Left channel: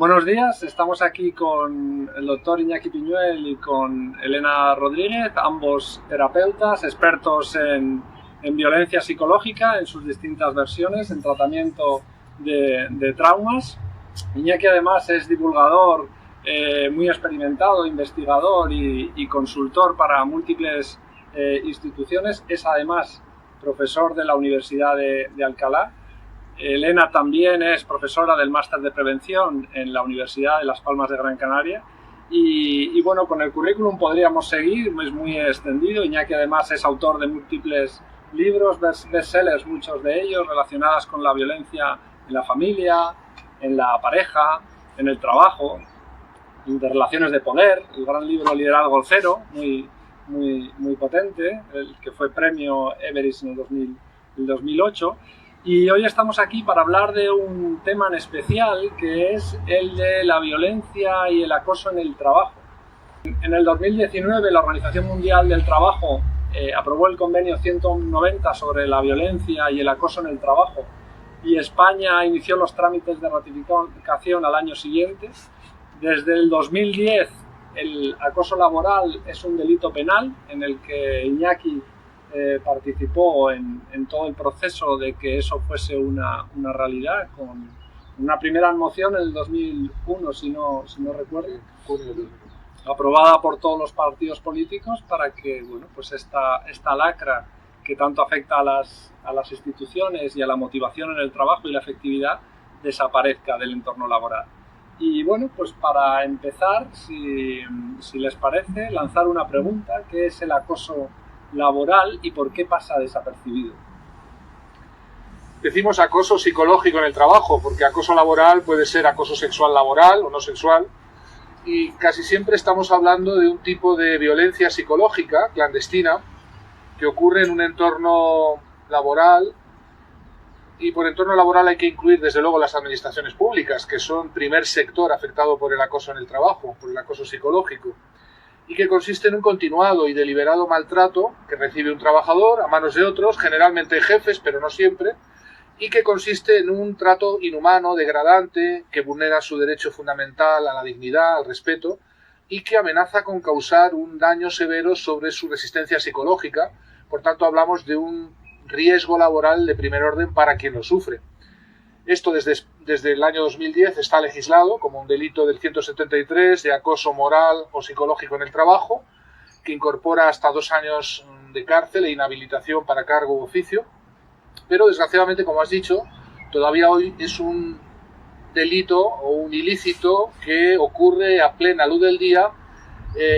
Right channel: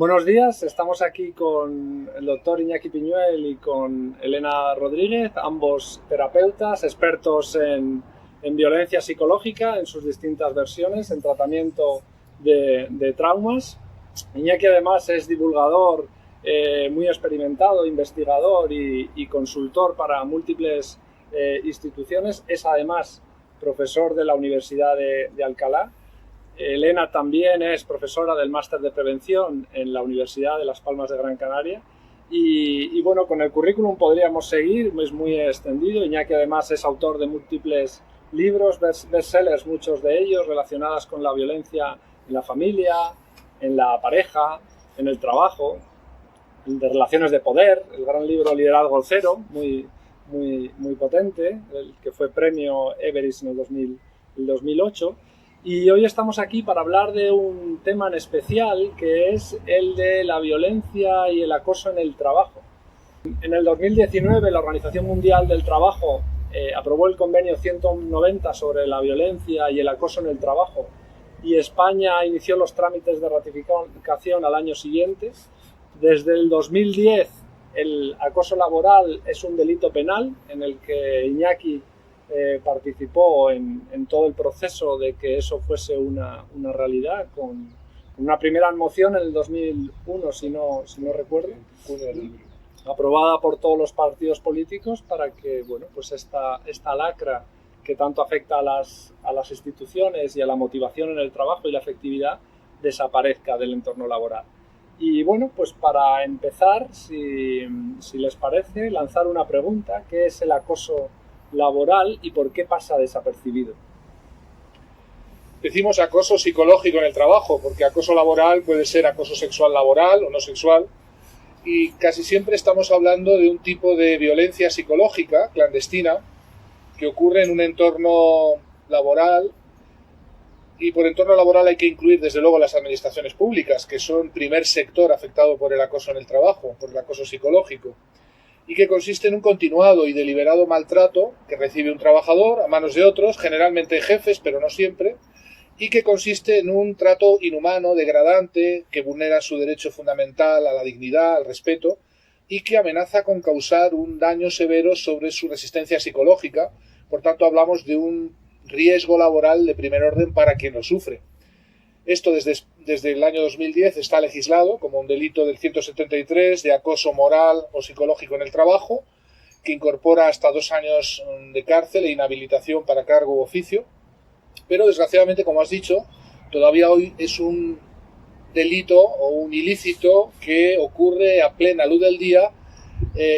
Buenos días, estamos aquí con el doctor Iñaki Piñuel y con Elena Rodríguez, ambos terapeutas, expertos en violencia psicológica en sus distintas versiones, en tratamiento de traumas. Iñaki además es divulgador muy experimentado, investigador y consultor para múltiples instituciones. Es además profesor de la Universidad de Alcalá. Elena también es profesora del máster de prevención en la Universidad de Las Palmas de Gran Canaria. Y bueno, con el currículum podríamos seguir, es muy extendido. Iñaki además es autor de múltiples libros, bestsellers, muchos de ellos relacionados con la violencia en la familia, en la pareja, en el trabajo, de relaciones de poder, el gran libro Liderazgo Cero, muy potente, el que fue premio Everest en el 2008. Y hoy estamos aquí para hablar de un tema en especial, que es el de la violencia y el acoso en el trabajo. En el 2019 la Organización Mundial del Trabajo aprobó el convenio 190 sobre la violencia y el acoso en el trabajo, y España inició los trámites de ratificación al año siguiente. Desde el 2010 el acoso laboral es un delito penal en el que Iñaki participó en todo el proceso de que eso fuese una realidad, con una primera moción en el 2001, si no recuerdo, aprobada por todos los partidos políticos para que pues esta lacra que tanto afecta a las instituciones y a la motivación en el trabajo y la efectividad desaparezca del entorno laboral. Y bueno, pues para empezar, si les parece, lanzar una pregunta: ¿qué es el acoso laboral y por qué pasa desapercibido? Decimos acoso psicológico en el trabajo, porque acoso laboral puede ser acoso sexual laboral o no sexual, y casi siempre estamos hablando de un tipo de violencia psicológica clandestina que ocurre en un entorno laboral, y por entorno laboral hay que incluir desde luego las administraciones públicas, que son primer sector afectado por el acoso en el trabajo, por el acoso psicológico, y que consiste en un continuado y deliberado maltrato que recibe un trabajador a manos de otros, generalmente jefes, pero no siempre, y que consiste en un trato inhumano, degradante, que vulnera su derecho fundamental a la dignidad, al respeto, y que amenaza con causar un daño severo sobre su resistencia psicológica. Por tanto, hablamos de un riesgo laboral de primer orden para quien lo sufre. Esto desde el año 2010 está legislado como un delito del 173 de acoso moral o psicológico en el trabajo, que incorpora hasta 2 años de cárcel e inhabilitación para cargo u oficio. Pero desgraciadamente, como has dicho, todavía hoy es un delito o un ilícito que ocurre a plena luz del día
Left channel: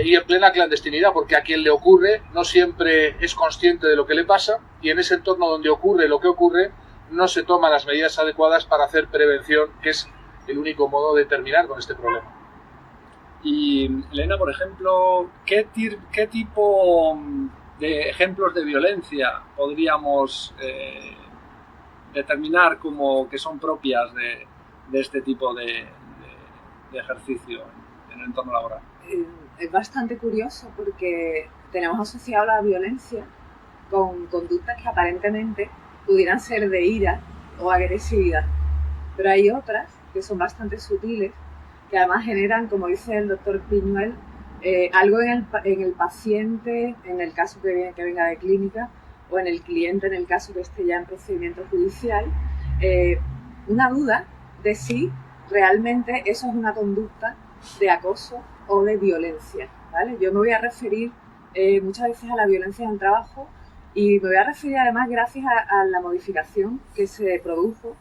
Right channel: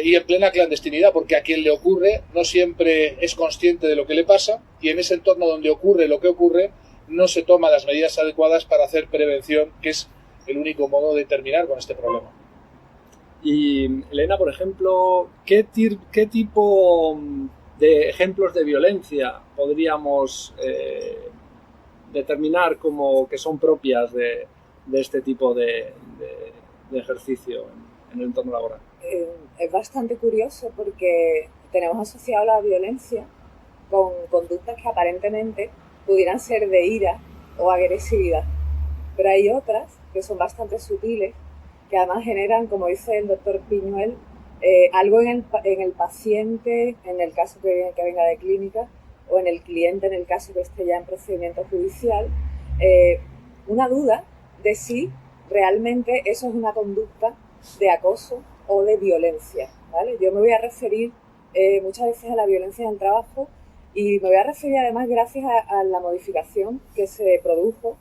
y en plena clandestinidad, porque a quien le ocurre no siempre es consciente de lo que le pasa, y en ese entorno donde ocurre lo que ocurre no se toman las medidas adecuadas para hacer prevención, que es el único modo de terminar con este problema. Y Elena, por ejemplo, ¿qué tipo de ejemplos de violencia podríamos determinar como que son propias de este tipo de ejercicio en el entorno laboral? Es bastante curioso porque tenemos asociado la violencia con conductas que aparentemente pudieran ser de ira o agresividad, pero hay otras que son bastante sutiles, que además generan, como dice el doctor Piñuel, algo en el paciente, en el caso que venga de clínica, o en el cliente, en el caso que esté ya en procedimiento judicial, una duda de si realmente eso es una conducta de acoso o de violencia, ¿vale? Yo me voy a referir muchas veces a la violencia en el trabajo, y me voy a referir además gracias a la modificación que se produjo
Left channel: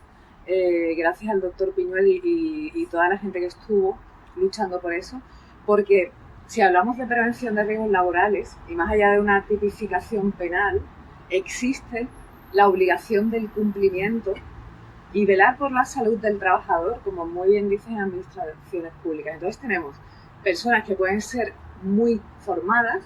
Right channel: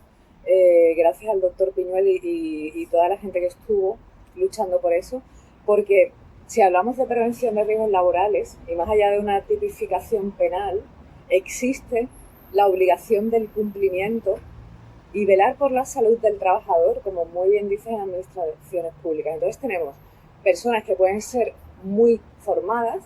gracias al doctor Piñuel y toda la gente que estuvo luchando por eso, porque si hablamos de prevención de riesgos laborales, y más allá de una tipificación penal, existe la obligación del cumplimiento y velar por la salud del trabajador, como muy bien dicen administraciones públicas. Entonces tenemos personas que pueden ser muy formadas,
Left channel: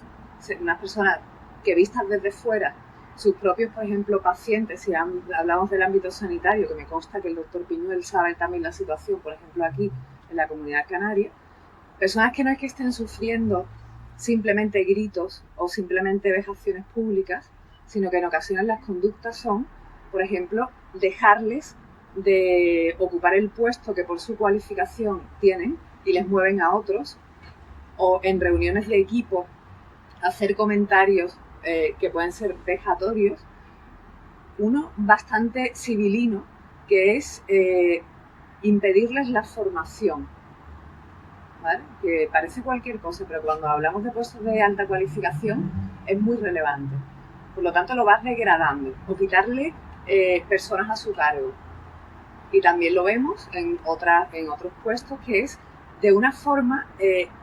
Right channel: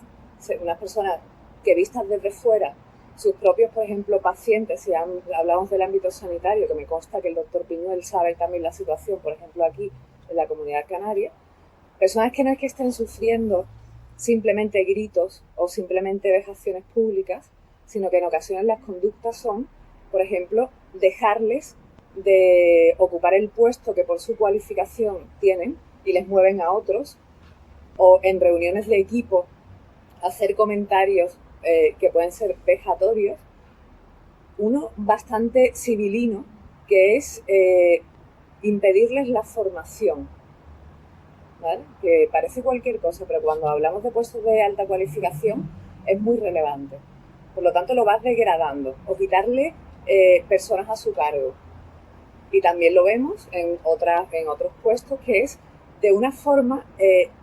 unas personas que vistas desde fuera, sus propios, por ejemplo, pacientes, si hablamos del ámbito sanitario, que me consta que el doctor Piñuel sabe también la situación, por ejemplo, aquí en la Comunidad Canaria, personas que no es que estén sufriendo simplemente gritos o simplemente vejaciones públicas, sino que en ocasiones las conductas son, por ejemplo, dejarles de ocupar el puesto que por su cualificación tienen y les mueven a otros, o en reuniones de equipo hacer comentarios que pueden ser vejatorios. Uno bastante civilino, que es impedirles la formación, ¿vale? Que parece cualquier cosa, pero cuando hablamos de puestos de alta cualificación es muy relevante. Por lo tanto, lo vas degradando o quitarle personas a su cargo. Y también lo vemos en otros puestos, que es de una forma,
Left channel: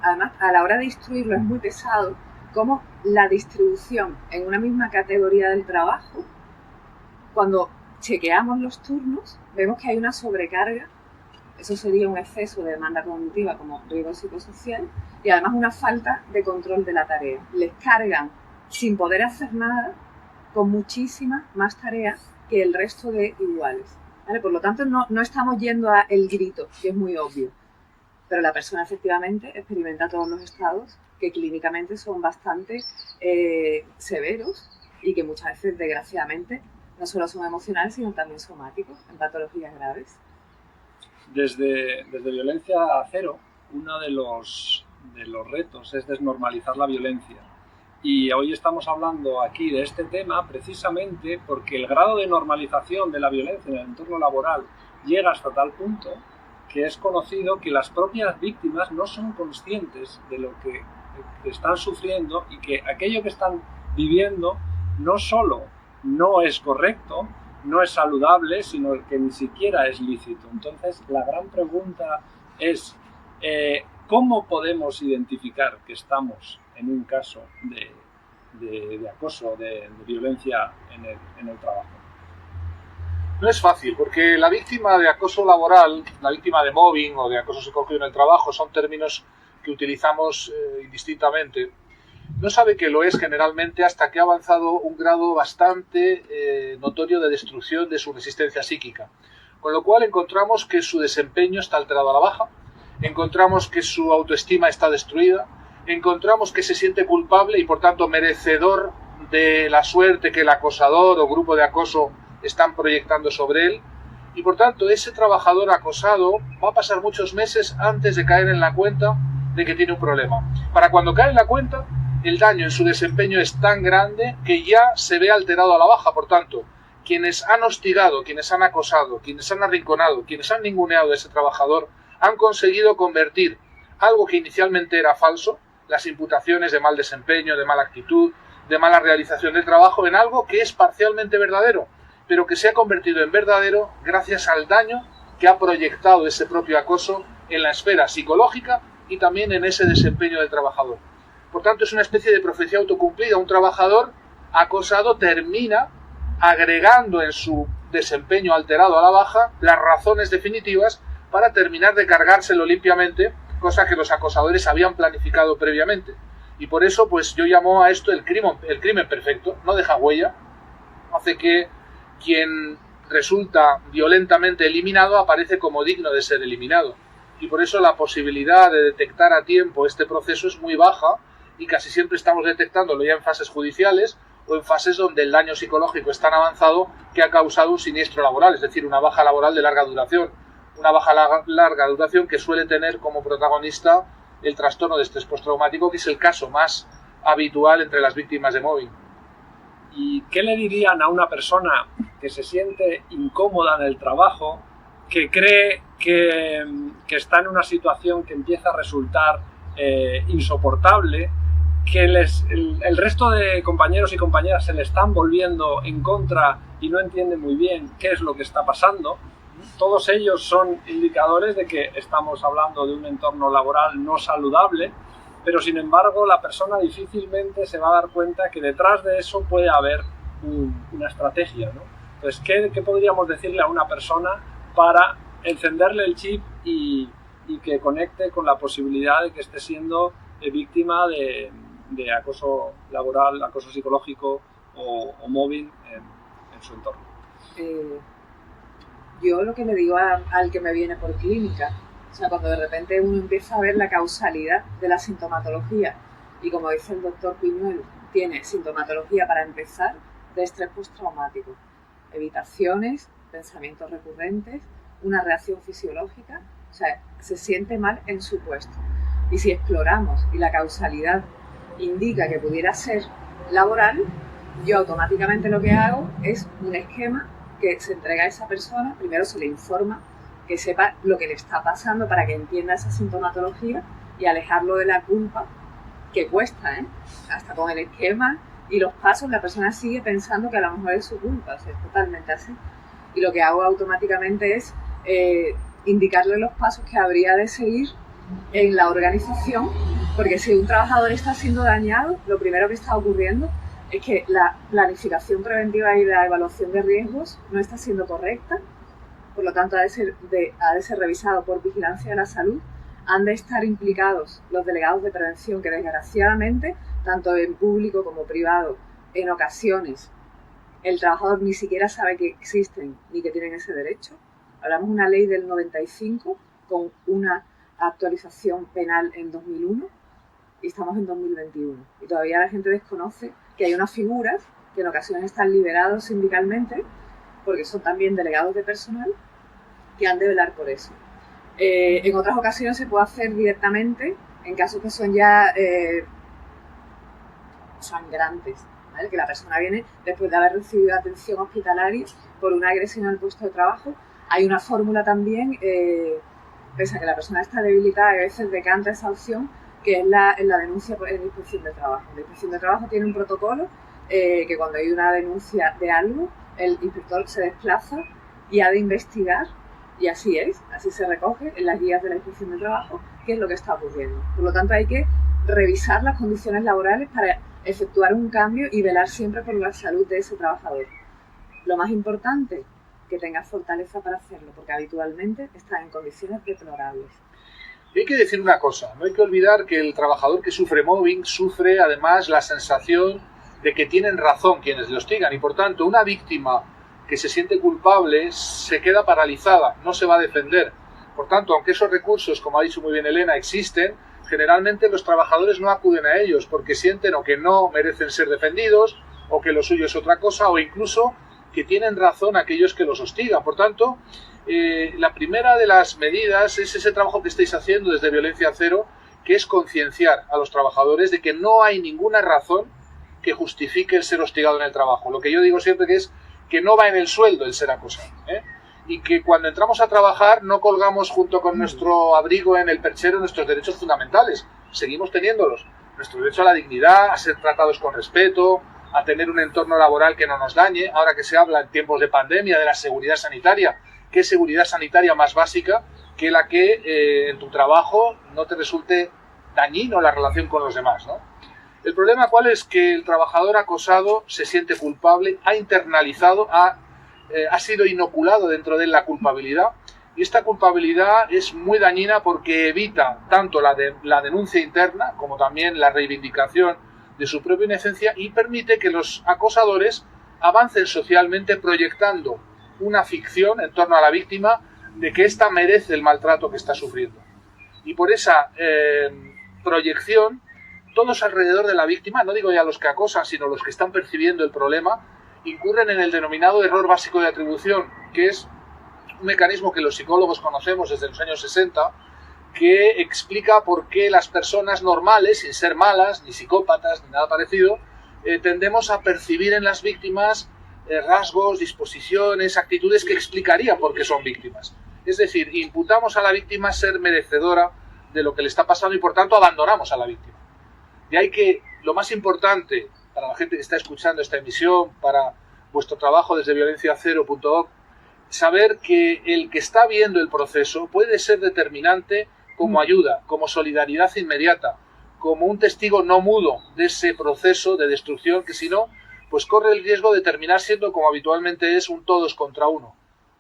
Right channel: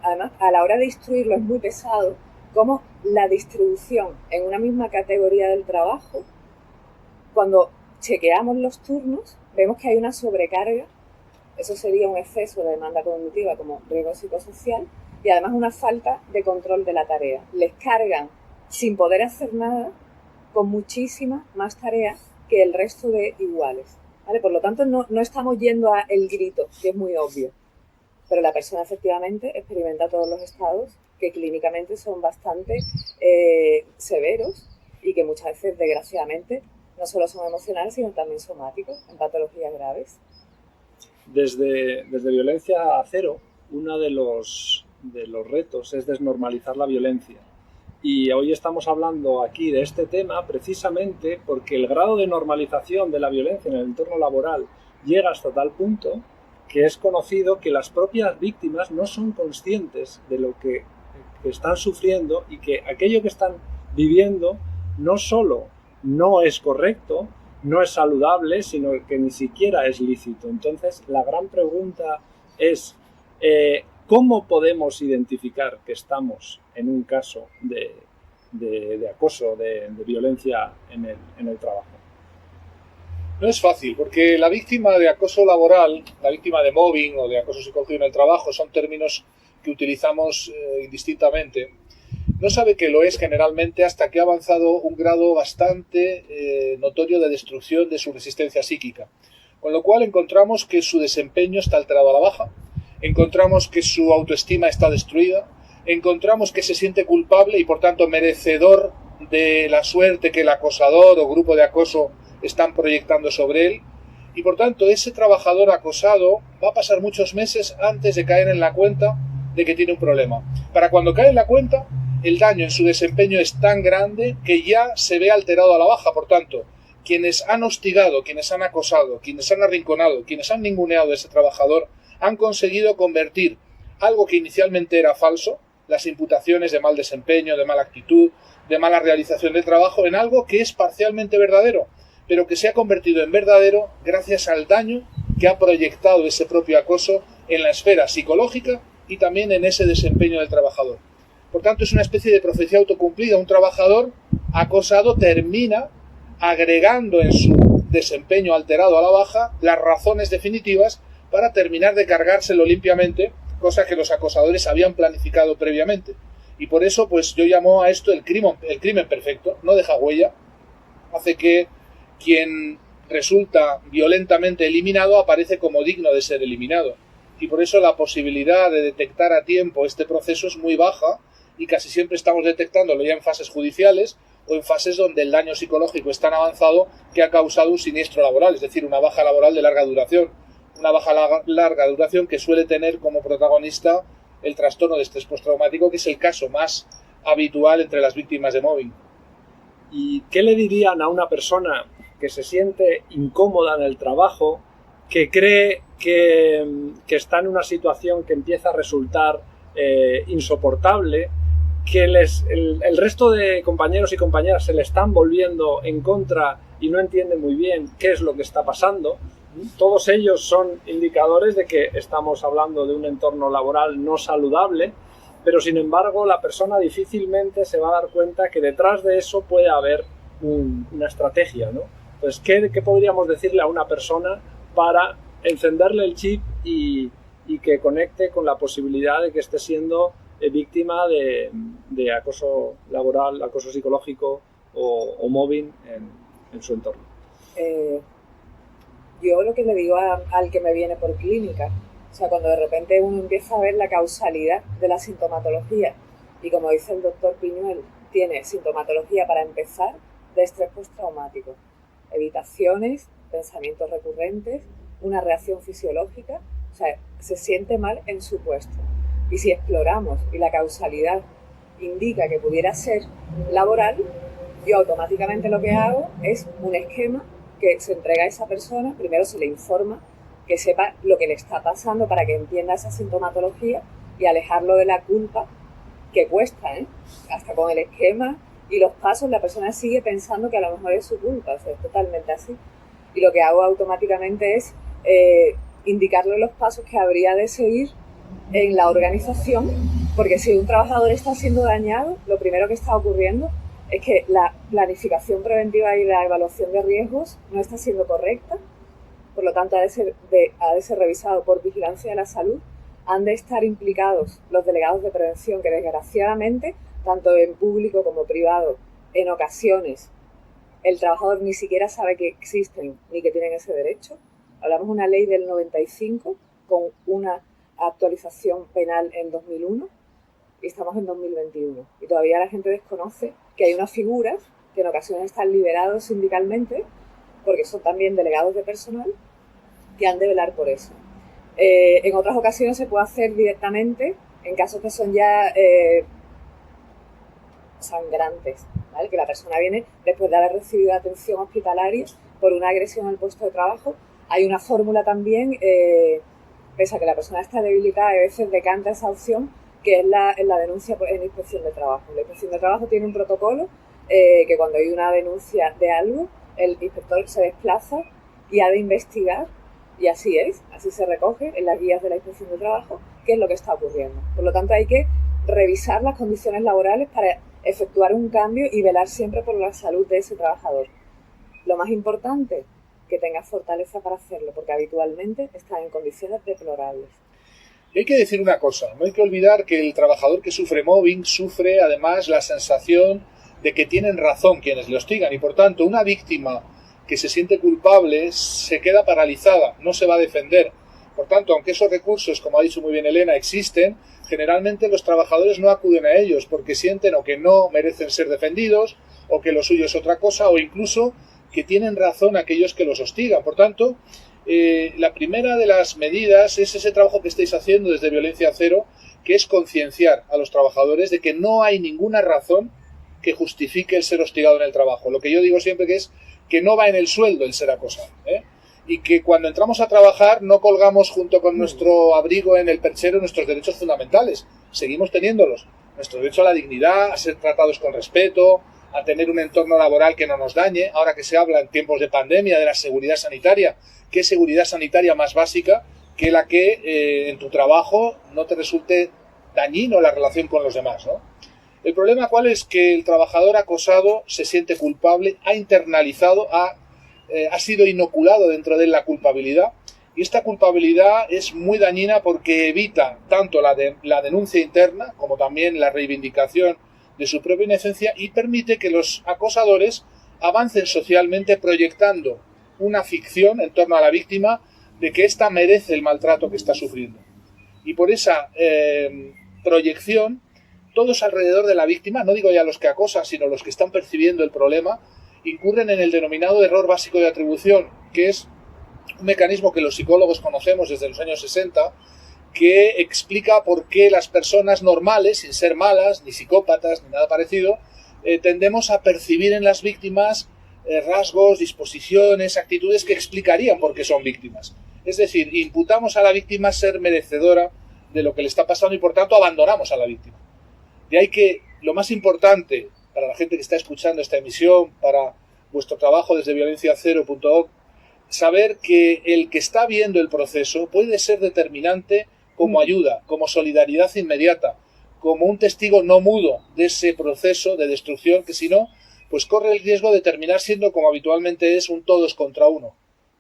además a la hora de instruirlo es muy pesado, como la distribución en una misma categoría del trabajo, cuando chequeamos los turnos, vemos que hay una sobrecarga. Eso sería un exceso de demanda cognitiva como riesgo psicosocial, y además una falta de control de la tarea. Les cargan sin poder hacer nada, con muchísimas más tareas que el resto de iguales, ¿vale? Por lo tanto, no estamos yendo a el grito, que es muy obvio, pero la persona efectivamente experimenta todos los estados que clínicamente son bastante severos y que muchas veces, desgraciadamente, no solo son emocionales, sino también somáticos, en patologías graves. Desde Violencia Cero, uno de los retos es desnormalizar la violencia. Y hoy estamos hablando aquí de este tema precisamente porque el grado de normalización de la violencia en el entorno laboral llega hasta tal punto que es conocido que las propias víctimas no son conscientes de lo que están sufriendo y que aquello que están viviendo no solo no es correcto, no es saludable, sino que ni siquiera es lícito. Entonces, la gran pregunta es ¿cómo podemos identificar que estamos en un caso de acoso, de violencia en el trabajo? No es fácil, porque la víctima de acoso laboral, la víctima de mobbing o de acoso psicológico en el trabajo son términos que utilizamos indistintamente. No sabe que lo es generalmente hasta que ha avanzado un grado bastante notorio de destrucción de su resistencia psíquica. Con lo cual encontramos que su desempeño está alterado a la baja, encontramos que su autoestima está destruida, encontramos que se siente culpable y por tanto merecedor de la suerte que el acosador o grupo de acoso están proyectando sobre él, y por tanto ese trabajador acosado va a pasar muchos meses antes de caer en la cuenta de que tiene un problema. Para cuando cae en la cuenta, el daño en su desempeño es tan grande que ya se ve alterado a la baja. Por tanto, quienes han hostigado, quienes han acosado, quienes han arrinconado, quienes han ninguneado a ese trabajador, han conseguido convertir algo que inicialmente era falso, las imputaciones de mal desempeño, de mala actitud, de mala realización del trabajo, en algo que es parcialmente verdadero, pero que se ha convertido en verdadero gracias al daño que ha proyectado ese propio acoso en la esfera psicológica y también en ese desempeño del trabajador. Por tanto, es una especie de profecía autocumplida. Un trabajador acosado termina agregando en su desempeño alterado a la baja las razones definitivas para terminar de cargárselo limpiamente, cosa que los acosadores habían planificado previamente. Y por eso, pues yo llamo a esto el crimen perfecto. No deja huella, hace que quien resulta violentamente eliminado aparece como digno de ser eliminado. Y por eso la posibilidad de detectar a tiempo este proceso es muy baja, y casi siempre estamos detectándolo ya en fases judiciales o en fases donde el daño psicológico es tan avanzado que ha causado un siniestro laboral, es decir, una baja laboral de larga duración. Una baja larga duración que suele tener como protagonista el trastorno de estrés postraumático, que es el caso más habitual entre las víctimas de mobbing. ¿Y qué le dirían a una persona que se siente incómoda en el trabajo, que cree que está en una situación que empieza a resultar insoportable, que el resto de compañeros y compañeras se le están volviendo en contra y no entiende muy bien qué es lo que está pasando? Todos ellos son indicadores de que estamos hablando de un entorno laboral no saludable, pero sin embargo la persona difícilmente se va a dar cuenta que detrás de eso puede haber una estrategia, ¿no? Entonces, ¿qué podríamos decirle a una persona para encenderle el chip y que conecte con la posibilidad de que esté siendo víctima de acoso laboral, acoso psicológico o mobbing en su entorno? Yo lo que le digo al que me viene por clínica, o sea, cuando de repente uno empieza a ver la causalidad de la sintomatología, y como dice el doctor Piñuel, tiene sintomatología para empezar de estrés postraumático, evitaciones, pensamientos recurrentes, una reacción fisiológica, o sea, se siente mal en su puesto. Y si exploramos y la causalidad indica que pudiera ser laboral, yo automáticamente lo que hago es un esquema que se entrega a esa persona, primero se le informa, que sepa lo que le está pasando para que entienda esa sintomatología y alejarlo de la culpa, que cuesta, hasta con el esquema y los pasos la persona sigue pensando que a lo mejor es su culpa, o sea, es totalmente así. Y lo que hago automáticamente es indicarle los pasos que habría de seguir en la organización, porque si un trabajador está siendo dañado, lo primero que está ocurriendo es que la planificación preventiva y la evaluación de riesgos no está siendo correcta, por lo tanto ha de ser revisado por Vigilancia de la Salud, han de estar implicados los delegados de prevención, que desgraciadamente, tanto en público como privado, en ocasiones el trabajador ni siquiera sabe que existen ni que tienen ese derecho. Hablamos de una ley del 95 con una actualización penal en 2001 y estamos en 2021. Y todavía la gente desconoce que hay unas figuras que en ocasiones están liberados sindicalmente porque son también delegados de personal que han de velar por eso. En otras ocasiones se puede hacer directamente en casos que son ya sangrantes, ¿vale? Que la persona viene después de haber recibido atención hospitalaria por una agresión al puesto de trabajo. Hay una fórmula también, pese a que la persona está debilitada, a veces decanta esa opción, que es la denuncia en inspección de trabajo. La inspección de trabajo tiene un protocolo que cuando hay una denuncia de algo, el inspector se desplaza y ha de investigar, y así es, así se recoge en las guías de la inspección de trabajo qué es lo que está ocurriendo. Por lo tanto, hay que revisar las condiciones laborales para efectuar un cambio y velar siempre por la salud de ese trabajador. Lo más importante, que tenga fortaleza para hacerlo, porque habitualmente están en condiciones deplorables. Y hay que decir una cosa, no hay que olvidar que el trabajador que sufre mobbing sufre además la sensación de que tienen razón quienes le hostigan y por tanto una víctima que se siente culpable se queda paralizada, no se va a defender. Por tanto, aunque esos recursos, como ha dicho muy bien Elena, existen, generalmente los trabajadores no acuden a ellos porque sienten o que no merecen ser defendidos o que lo suyo es otra cosa o incluso que tienen razón aquellos que los hostigan. Por tanto, la primera de las medidas es ese trabajo que estáis haciendo desde Violencia Cero, que es concienciar a los trabajadores de que no hay ninguna razón que justifique el ser hostigado en el trabajo. Lo que yo digo siempre que es que no va en el sueldo el ser acosado, y que cuando entramos a trabajar no colgamos junto con nuestro abrigo en el perchero nuestros derechos fundamentales, seguimos teniéndolos, nuestro derecho a la dignidad, a ser tratados con respeto, a tener un entorno laboral que no nos dañe. Ahora que se habla en tiempos de pandemia de la seguridad sanitaria, ¿qué seguridad sanitaria más básica que la que en tu trabajo no te resulte dañino la relación con los demás, ¿no? El problema cuál es que el trabajador acosado se siente culpable, ha internalizado, ha sido inoculado dentro de él la culpabilidad y esta culpabilidad es muy dañina porque evita tanto la denuncia interna como también la reivindicación de su propia inocencia y permite que los acosadores avancen socialmente proyectando una ficción en torno a la víctima de que ésta merece el maltrato que está sufriendo. Y por esa proyección, todos alrededor de la víctima, no digo ya los que acosan, sino los que están percibiendo el problema, incurren en el denominado error básico de atribución, que es un mecanismo que los psicólogos conocemos desde los años 60, que explica por qué las personas normales, sin ser malas, ni psicópatas, ni nada parecido, tendemos a percibir en las víctimas rasgos, disposiciones, actitudes que explicarían por qué son víctimas. Es decir, imputamos a la víctima ser merecedora de lo que le está pasando y por tanto abandonamos a la víctima. De ahí que lo más importante para la gente que está escuchando esta emisión, para vuestro trabajo desde violenciacero.org, saber que el que está viendo el proceso puede ser determinante como ayuda, como solidaridad inmediata, como un testigo no mudo de ese proceso de destrucción que si no, pues corre el riesgo de terminar siendo como habitualmente es un todos contra uno.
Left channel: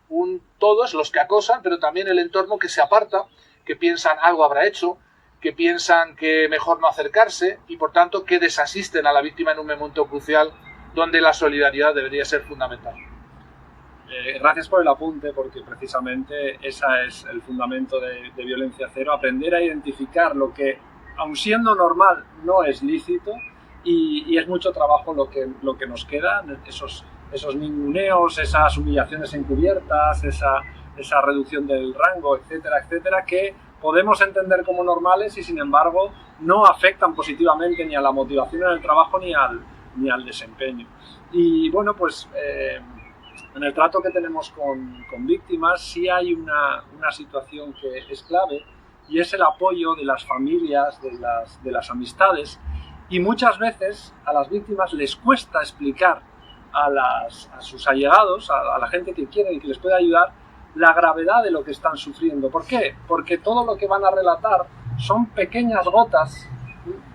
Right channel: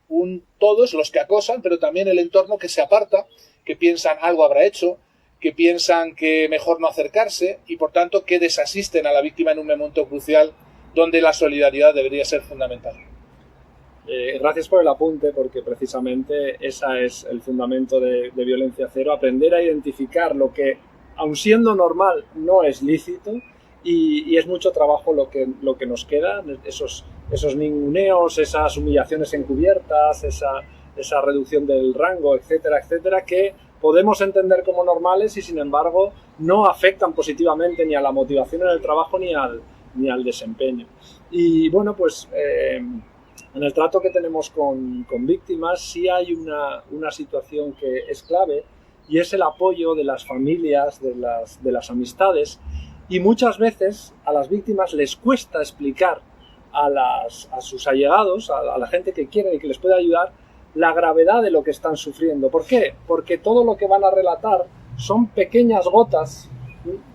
Un todos los que acosan, pero también el entorno que se aparta, que piensan algo habrá hecho, que piensan que mejor no acercarse y por tanto que desasisten a la víctima en un momento crucial donde la solidaridad debería ser fundamental. Gracias por el apunte, porque precisamente ese es el fundamento de Violencia Cero, aprender a identificar lo que, aun siendo normal, no es lícito y es mucho trabajo lo que nos queda, esos esos ninguneos, esas humillaciones encubiertas, esa reducción del rango, etcétera, etcétera, que podemos entender como normales y sin embargo no afectan positivamente ni a la motivación en el trabajo ni al desempeño. Y bueno, pues en el trato que tenemos con víctimas sí hay una situación que es clave, y es el apoyo de las familias, de las amistades, y muchas veces a las víctimas les cuesta explicar a sus allegados, a la gente que quieren y que les puede ayudar, la gravedad de lo que están sufriendo. ¿Por qué? Porque todo lo que van a relatar son pequeñas gotas,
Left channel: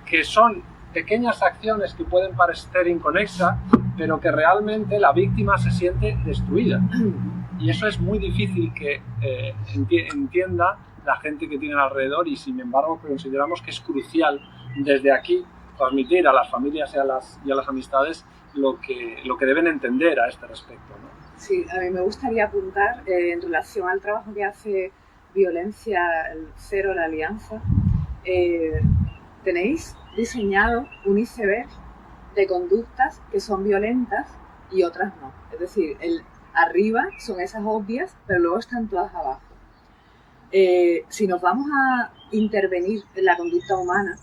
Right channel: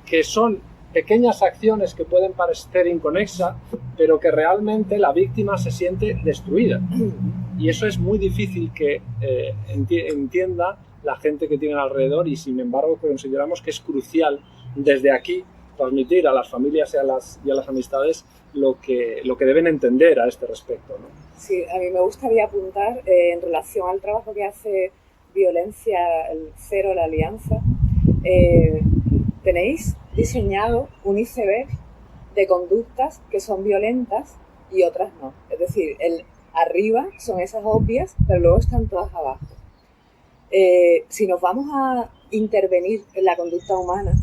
que son pequeñas acciones que pueden parecer inconexas, pero que realmente la víctima se siente destruida. Y eso es muy difícil que entienda la gente que tienen alrededor, y sin embargo consideramos que es crucial desde aquí transmitir a las familias y a las amistades lo que deben entender a este respecto, ¿no? Sí, a mí me gustaría apuntar en relación al trabajo que hace Violencia Cero, la Alianza. Tenéis diseñado un iceberg de conductas que son violentas y otras no. Es decir, arriba son esas obvias, pero luego están todas abajo. Si nos vamos a intervenir en la conducta humana,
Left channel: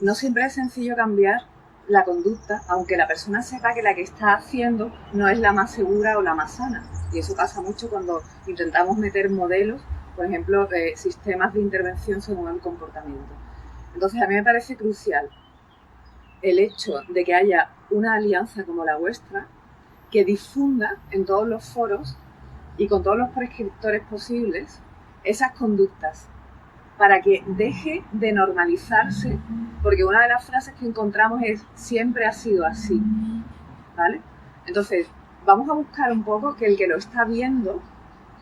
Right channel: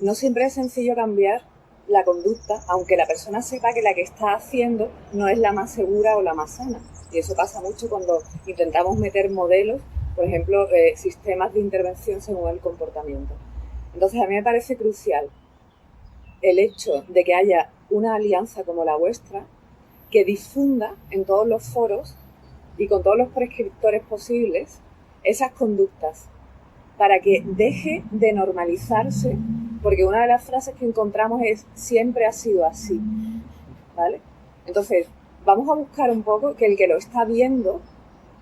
no siempre es sencillo cambiar la conducta, aunque la persona sepa que la que está haciendo no es la más segura o la más sana. Y eso pasa mucho cuando intentamos meter modelos, por ejemplo, sistemas de intervención según el comportamiento. Entonces, a mí me parece crucial el hecho de que haya una alianza como la vuestra que difunda en todos los foros y con todos los prescriptores posibles esas conductas, para que deje de normalizarse, porque una de las frases que encontramos es siempre ha sido así, ¿vale? Entonces, vamos a buscar un poco que el que lo está viendo,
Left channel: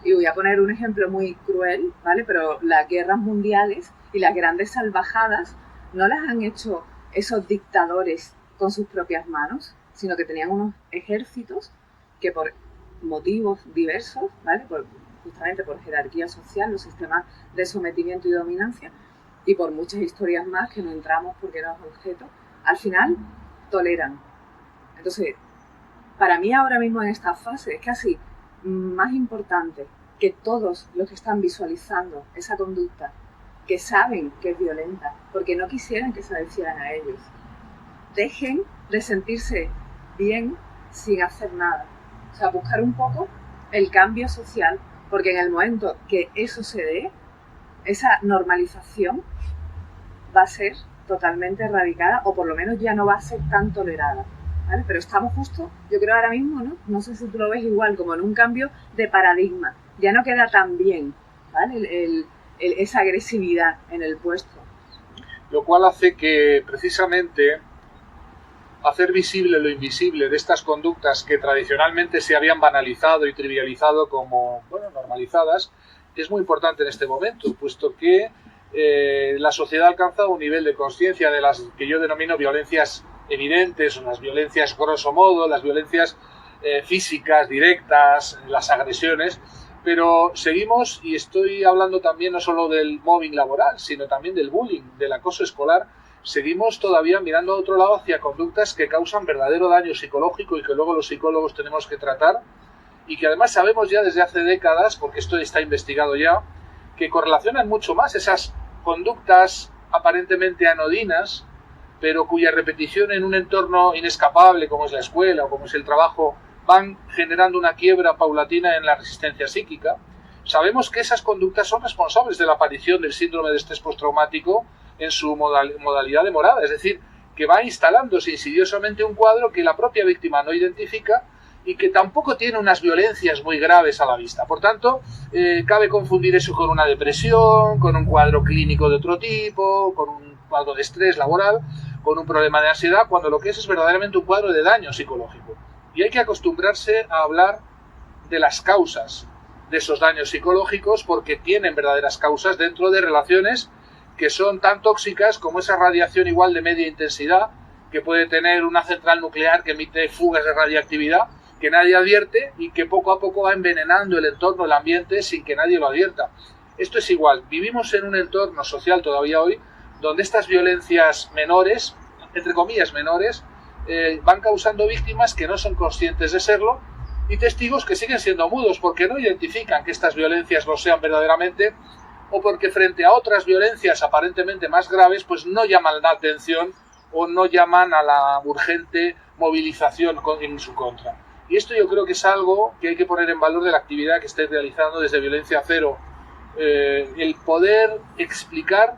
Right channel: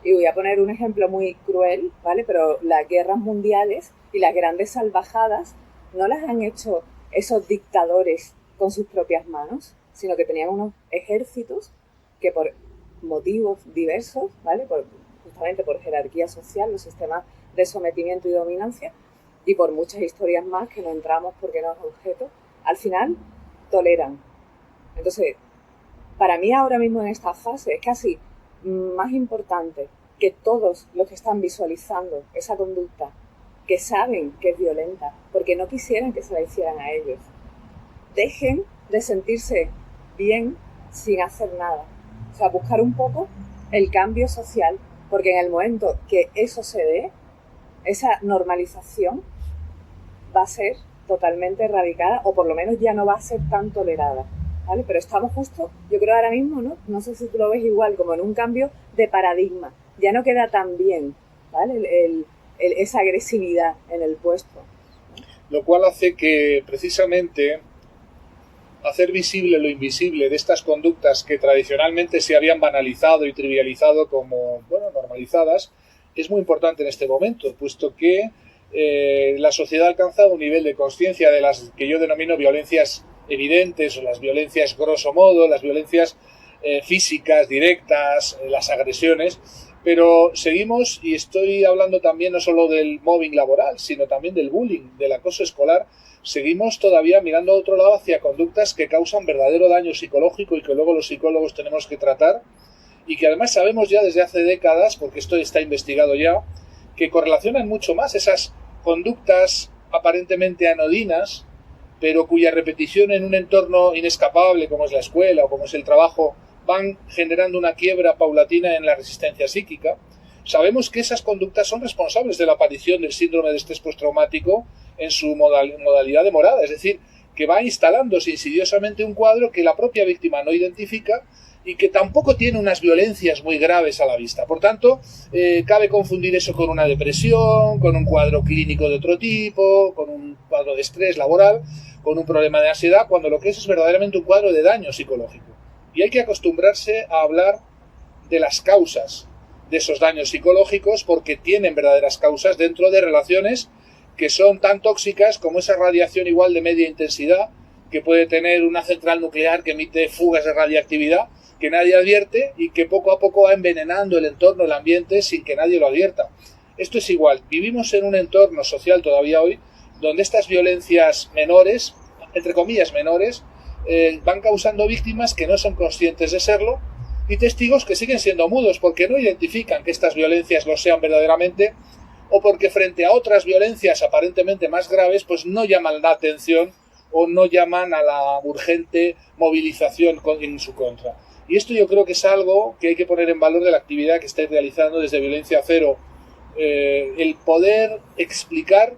y voy a poner un ejemplo muy cruel, ¿vale? Pero las guerras mundiales y las grandes salvajadas no las han hecho esos dictadores con sus propias manos, sino que tenían unos ejércitos que por motivos diversos, ¿vale? Justamente por jerarquía social, los sistemas de sometimiento y dominancia, y por muchas historias más que no entramos porque no es objeto, al final toleran. Entonces, para mí ahora mismo en esta fase es casi más importante que todos los que están visualizando esa conducta, que saben que es violenta, porque no quisieran que se la hicieran a ellos, dejen de sentirse bien sin hacer nada. O sea, buscar un poco el cambio social, porque en el momento que eso se dé, esa normalización va a ser totalmente erradicada, o por lo menos ya no va a ser tan tolerada, ¿vale? Pero estamos justo, yo creo ahora mismo, no sé si tú lo ves igual, como en un cambio de paradigma. Ya no queda tan bien, ¿vale? Esa agresividad en el puesto. Lo cual hace que precisamente hacer visible lo invisible de estas conductas que tradicionalmente se habían banalizado y trivializado como, bueno, normalizadas, es muy importante en este momento, puesto que la sociedad ha alcanzado un nivel de conciencia de las que yo denomino violencias evidentes, o las violencias grosso modo, las violencias físicas, directas, las agresiones, pero seguimos, y estoy hablando también no solo del mobbing laboral, sino también del bullying, del acoso escolar, seguimos todavía mirando a otro lado hacia conductas que causan verdadero daño psicológico y que luego los psicólogos tenemos que tratar, y que además sabemos ya desde hace décadas, porque esto está investigado ya, que correlacionan mucho más esas conductas aparentemente anodinas, pero cuya repetición en un entorno inescapable como es la escuela o como es el trabajo van generando una quiebra paulatina en la resistencia psíquica. Sabemos que esas conductas son responsables de la aparición del síndrome de estrés postraumático en su modalidad de morada, es decir, que va instalándose insidiosamente un cuadro que la propia víctima no identifica y que tampoco tiene unas violencias muy graves a la vista. Por tanto, cabe confundir eso con una depresión, con un cuadro clínico de otro tipo, con un cuadro de estrés laboral, con un problema de ansiedad, cuando lo que es verdaderamente un cuadro de daño psicológico. Y hay que acostumbrarse a hablar de las causas de esos daños psicológicos, porque tienen verdaderas causas dentro de relaciones que son tan tóxicas como esa radiación igual de media intensidad que puede tener una central nuclear que emite fugas de radiactividad que nadie advierte y que poco a poco va envenenando el entorno, el ambiente, sin que nadie lo advierta. Esto es igual. Vivimos en un entorno social todavía hoy donde estas violencias menores, entre comillas menores, van causando víctimas que no son conscientes de serlo y testigos que siguen siendo mudos porque no identifican que estas violencias lo sean verdaderamente o porque frente a otras violencias aparentemente más graves pues no llaman la atención o no llaman a la urgente movilización en su contra. Y esto yo creo que es algo que hay que poner en valor de la actividad que estáis realizando desde Violencia Cero, el poder explicar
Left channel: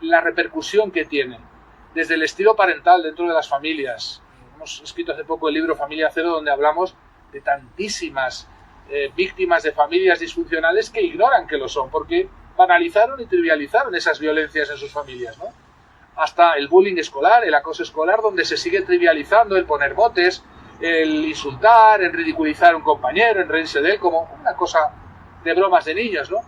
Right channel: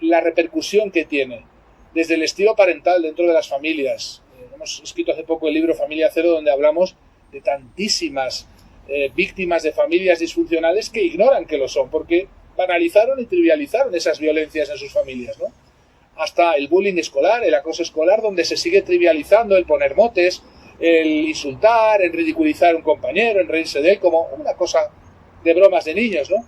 la repercusión que tiene desde el estilo parental dentro de las familias. Hemos escrito hace poco el libro Familia Cero, donde hablamos de tantísimas víctimas de familias disfuncionales que ignoran que lo son, porque banalizaron y trivializaron esas violencias en sus familias, ¿no? Hasta el bullying escolar, el acoso escolar, donde se sigue trivializando el poner motes, el insultar, el ridiculizar a un compañero, el reírse de él como una cosa de bromas de niños, ¿no?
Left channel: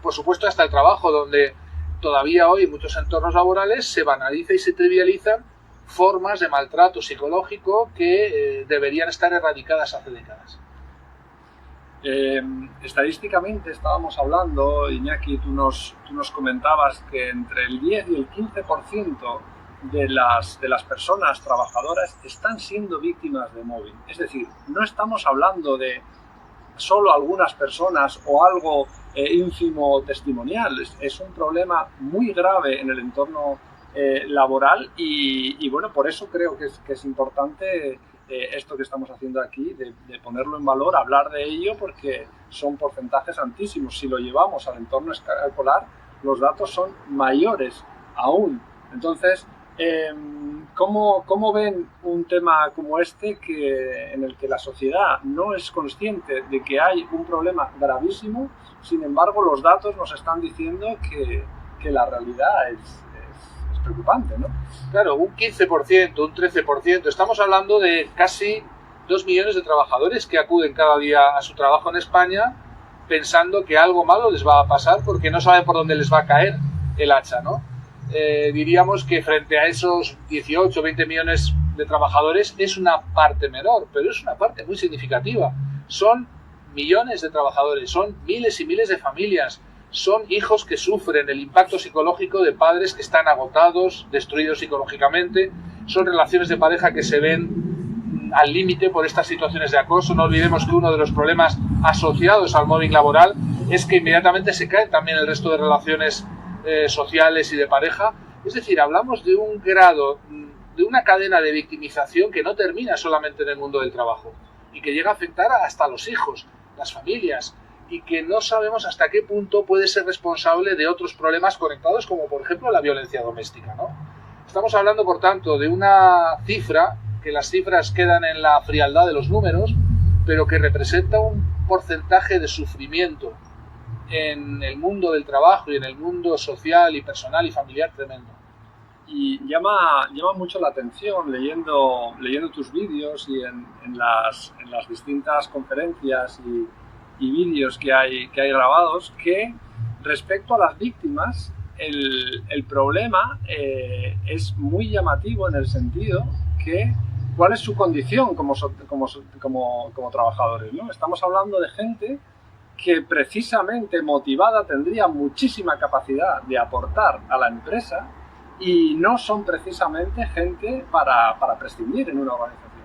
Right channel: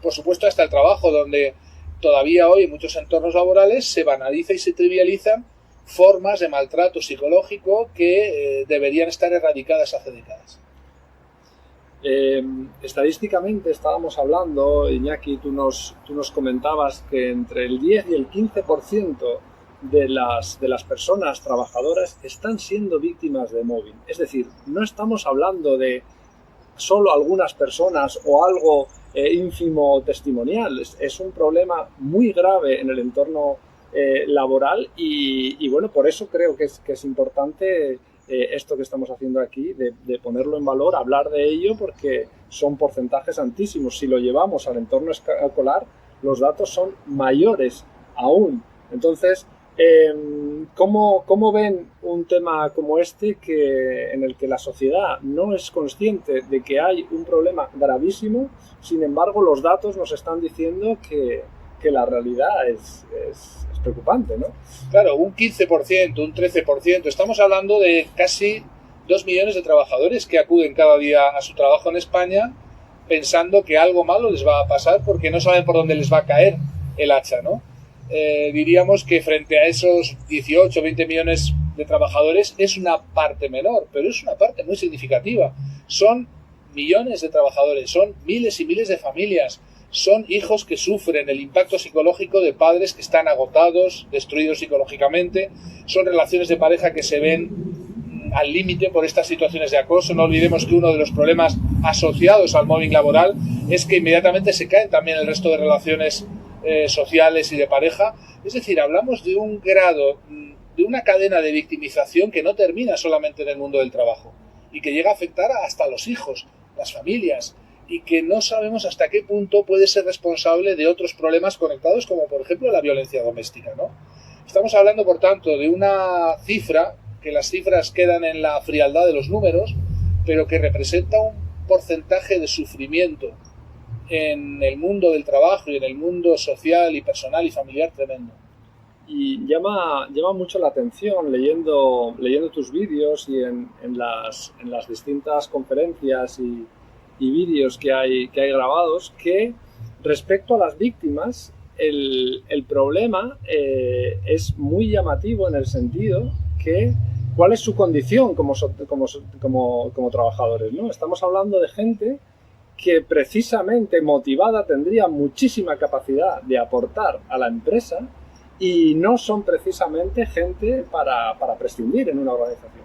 Por supuesto, hasta el trabajo, donde todavía hoy en muchos entornos laborales se banaliza y se trivializan formas de maltrato psicológico que deberían estar erradicadas hace décadas. Estadísticamente estábamos hablando, Iñaki, tú nos comentabas que entre el 10 y el 15% de las personas trabajadoras están siendo víctimas de mobbing. Es decir, no estamos hablando de solo algunas personas o algo ínfimo testimonial. Es un problema muy grave en el entorno laboral y bueno, por eso creo que es importante esto que estamos haciendo aquí, de ponerlo en valor, hablar de ello, porque son porcentajes altísimos. Si lo llevamos al entorno escolar, los datos son mayores aún. Entonces, ¿cómo ven un tema como este en el que la sociedad no es consciente de que hay un problema gravísimo? Sin embargo, los datos nos están diciendo que la realidad es preocupante, ¿no? Claro, un 15%, un 13%, estamos hablando de casi 2 millones de trabajadores que acuden cada día a su trabajo en España pensando que algo malo les va a pasar porque no saben por dónde les va a caer el hacha, ¿no? Diríamos que frente a esos 18 o 20 millones de trabajadores es una parte menor, pero es una parte muy significativa. Son millones de trabajadores, son miles y miles de familias, son hijos que sufren el impacto psicológico de padres que están agotados, destruidos psicológicamente, son relaciones de pareja que se ven al límite por estas situaciones de acoso. No olvidemos que uno de los problemas asociados al mobbing laboral es que inmediatamente se caen también el resto de relaciones sociales y de pareja. Es decir, hablamos de un grado, de una cadena de victimización que no termina solamente en el mundo del trabajo y que llega a afectar hasta a los hijos, las familias, y que no sabemos hasta qué punto puede ser responsable de otros problemas conectados, como por ejemplo la violencia doméstica, ¿no? Estamos hablando, por tanto, de una cifra, que las cifras quedan en la frialdad de los números, pero que representa un porcentaje de sufrimiento en el mundo del trabajo y en el mundo social y personal y familiar tremendo. Y llama mucho la atención leyendo tus vídeos y en las distintas conferencias y vídeos que hay grabados, que respecto a las víctimas el problema es muy llamativo en el sentido que cuál es su condición como trabajadores, ¿no? Estamos hablando de gente que precisamente motivada tendría muchísima capacidad de aportar a la empresa y no son precisamente gente para prescindir en una organización.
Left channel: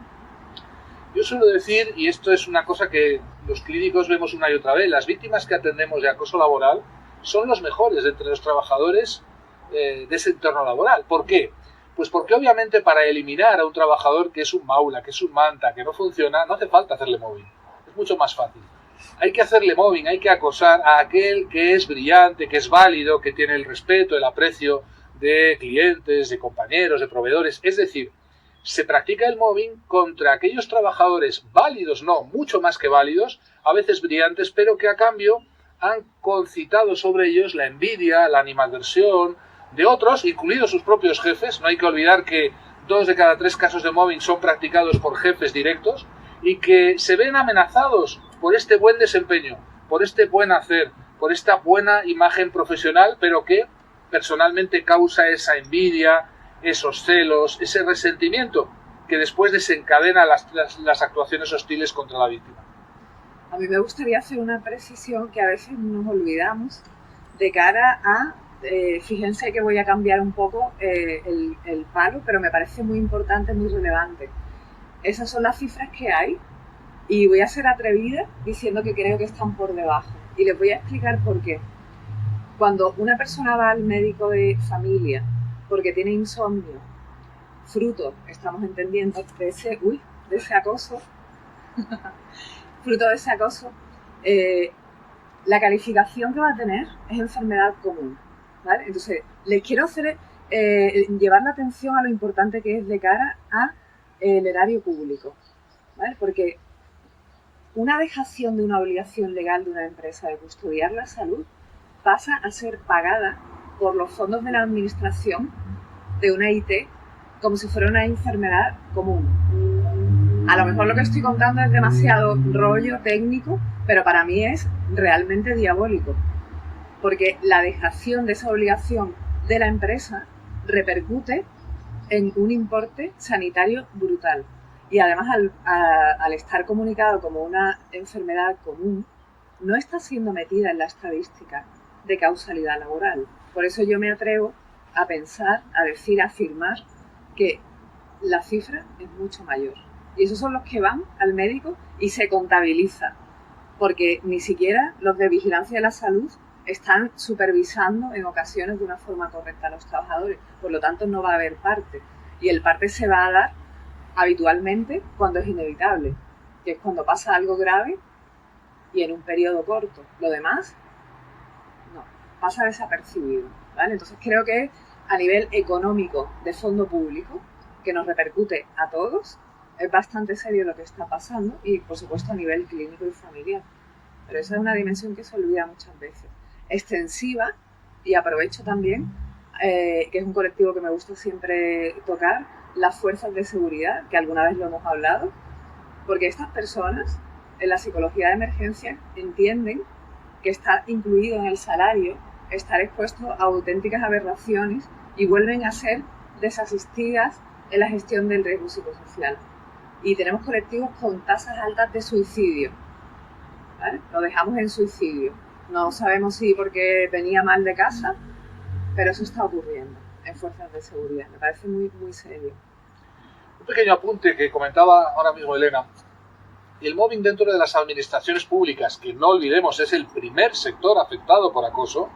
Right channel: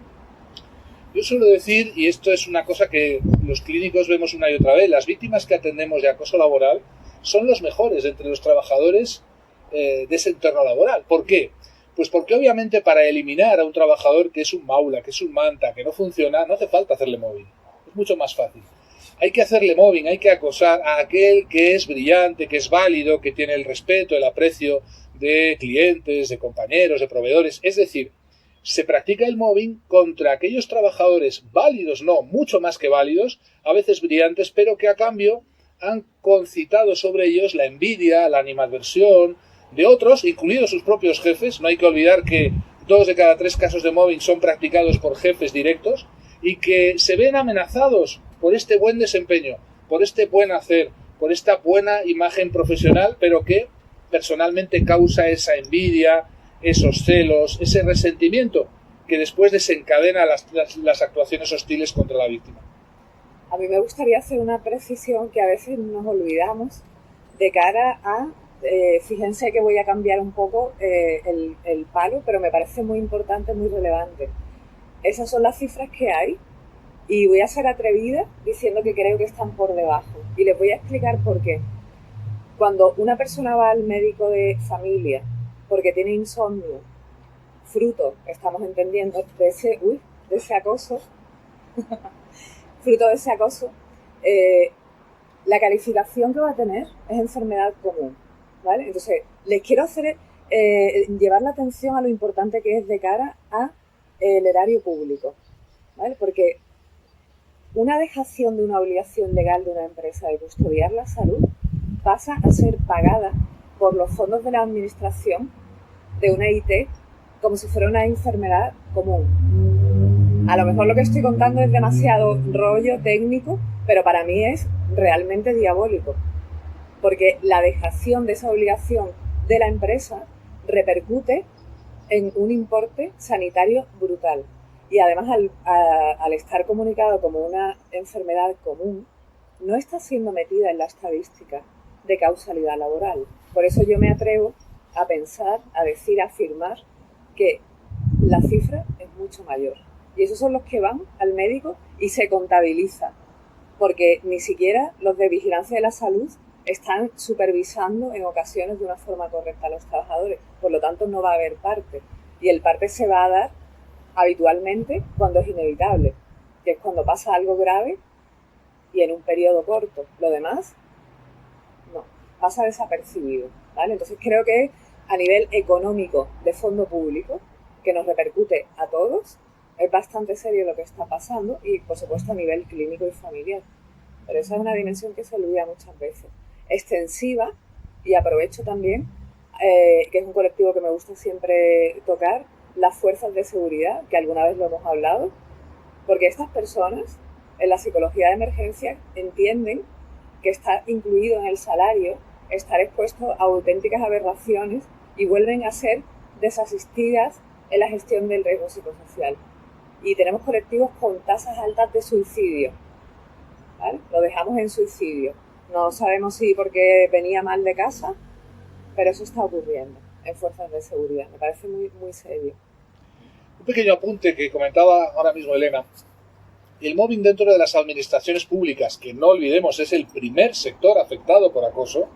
Yo suelo decir, y esto es una cosa que los clínicos vemos una y otra vez, las víctimas que atendemos de acoso laboral son los mejores entre los trabajadores de ese entorno laboral. ¿Por qué? Pues porque obviamente para eliminar a un trabajador que es un maula, que es un manta, que no funciona, no hace falta hacerle mobbing. Es mucho más fácil. Hay que hacerle mobbing, hay que acosar a aquel que es brillante, que es válido, que tiene el respeto, el aprecio de clientes, de compañeros, de proveedores. Es decir, se practica el mobbing contra aquellos trabajadores válidos, no, mucho más que válidos, a veces brillantes, pero que a cambio han concitado sobre ellos la envidia, la animadversión de otros, incluidos sus propios jefes. No hay que olvidar que 2 de cada 3 casos de mobbing son practicados por jefes directos y que se ven amenazados por este buen desempeño, por este buen hacer, por esta buena imagen profesional, pero que personalmente causa esa envidia, esos celos, ese resentimiento que después desencadena las actuaciones hostiles contra la víctima. A mí me gustaría hacer una precisión que a veces nos olvidamos de cara a fíjense que voy a cambiar un poco el palo, pero me parece muy importante, muy relevante. Esas son las cifras que hay y voy a ser atrevida diciendo que creo que están por debajo. Y les voy a explicar por qué. Cuando una persona va al médico de familia porque tiene insomnio, fruto, estamos entendiendo, de ese acoso, fruto de ese acoso, la calificación que va a tener es enfermedad común, ¿vale? Entonces, les quiero hacer llevar la atención a lo importante que es de cara a el erario público, ¿vale? Porque una dejación de una obligación legal de una empresa de custodiar la salud pasa a ser pagada por los fondos de la administración de una IT como si fuera una enfermedad común. A lo mejor lo que estoy contando es demasiado rollo técnico, pero para mí es realmente diabólico, porque la dejación de esa obligación de la empresa repercute en un importe sanitario brutal. Y además, al estar comunicado como una enfermedad común, no está siendo metida en la estadística de causalidad laboral. Por eso yo me atrevo a pensar, a decir, a afirmar que la cifra es mucho mayor. Y esos son los que van al médico y se contabiliza, porque ni siquiera los de vigilancia de la salud están supervisando en ocasiones de una forma correcta a los trabajadores. Por lo tanto, no va a haber parte. Y el parte se va a dar habitualmente cuando es inevitable, que es cuando pasa algo grave y en un periodo corto. Lo demás, no, pasa desapercibido, ¿vale? Entonces creo que a nivel económico de fondo público, que nos repercute a todos, es bastante serio lo que está pasando y, por supuesto, a nivel clínico y familiar. Pero esa es una dimensión que se olvida muchas veces. Extensiva, y aprovecho también, que es un colectivo que me gusta siempre tocar, las fuerzas de seguridad, que alguna vez lo hemos hablado, porque estas personas, en la psicología de emergencia, entienden que está incluido en el salario estar expuesto a auténticas aberraciones y vuelven a ser desasistidas en la gestión del riesgo psicosocial. Y tenemos colectivos con tasas altas de suicidio, ¿vale? Lo dejamos en suicidio. No sabemos si porque venía mal de casa, pero eso está ocurriendo en fuerzas de seguridad. Me parece muy, muy serio. Un pequeño apunte que comentaba ahora mismo Elena. El mobbing dentro de las administraciones públicas, que no olvidemos es el primer sector afectado por acoso,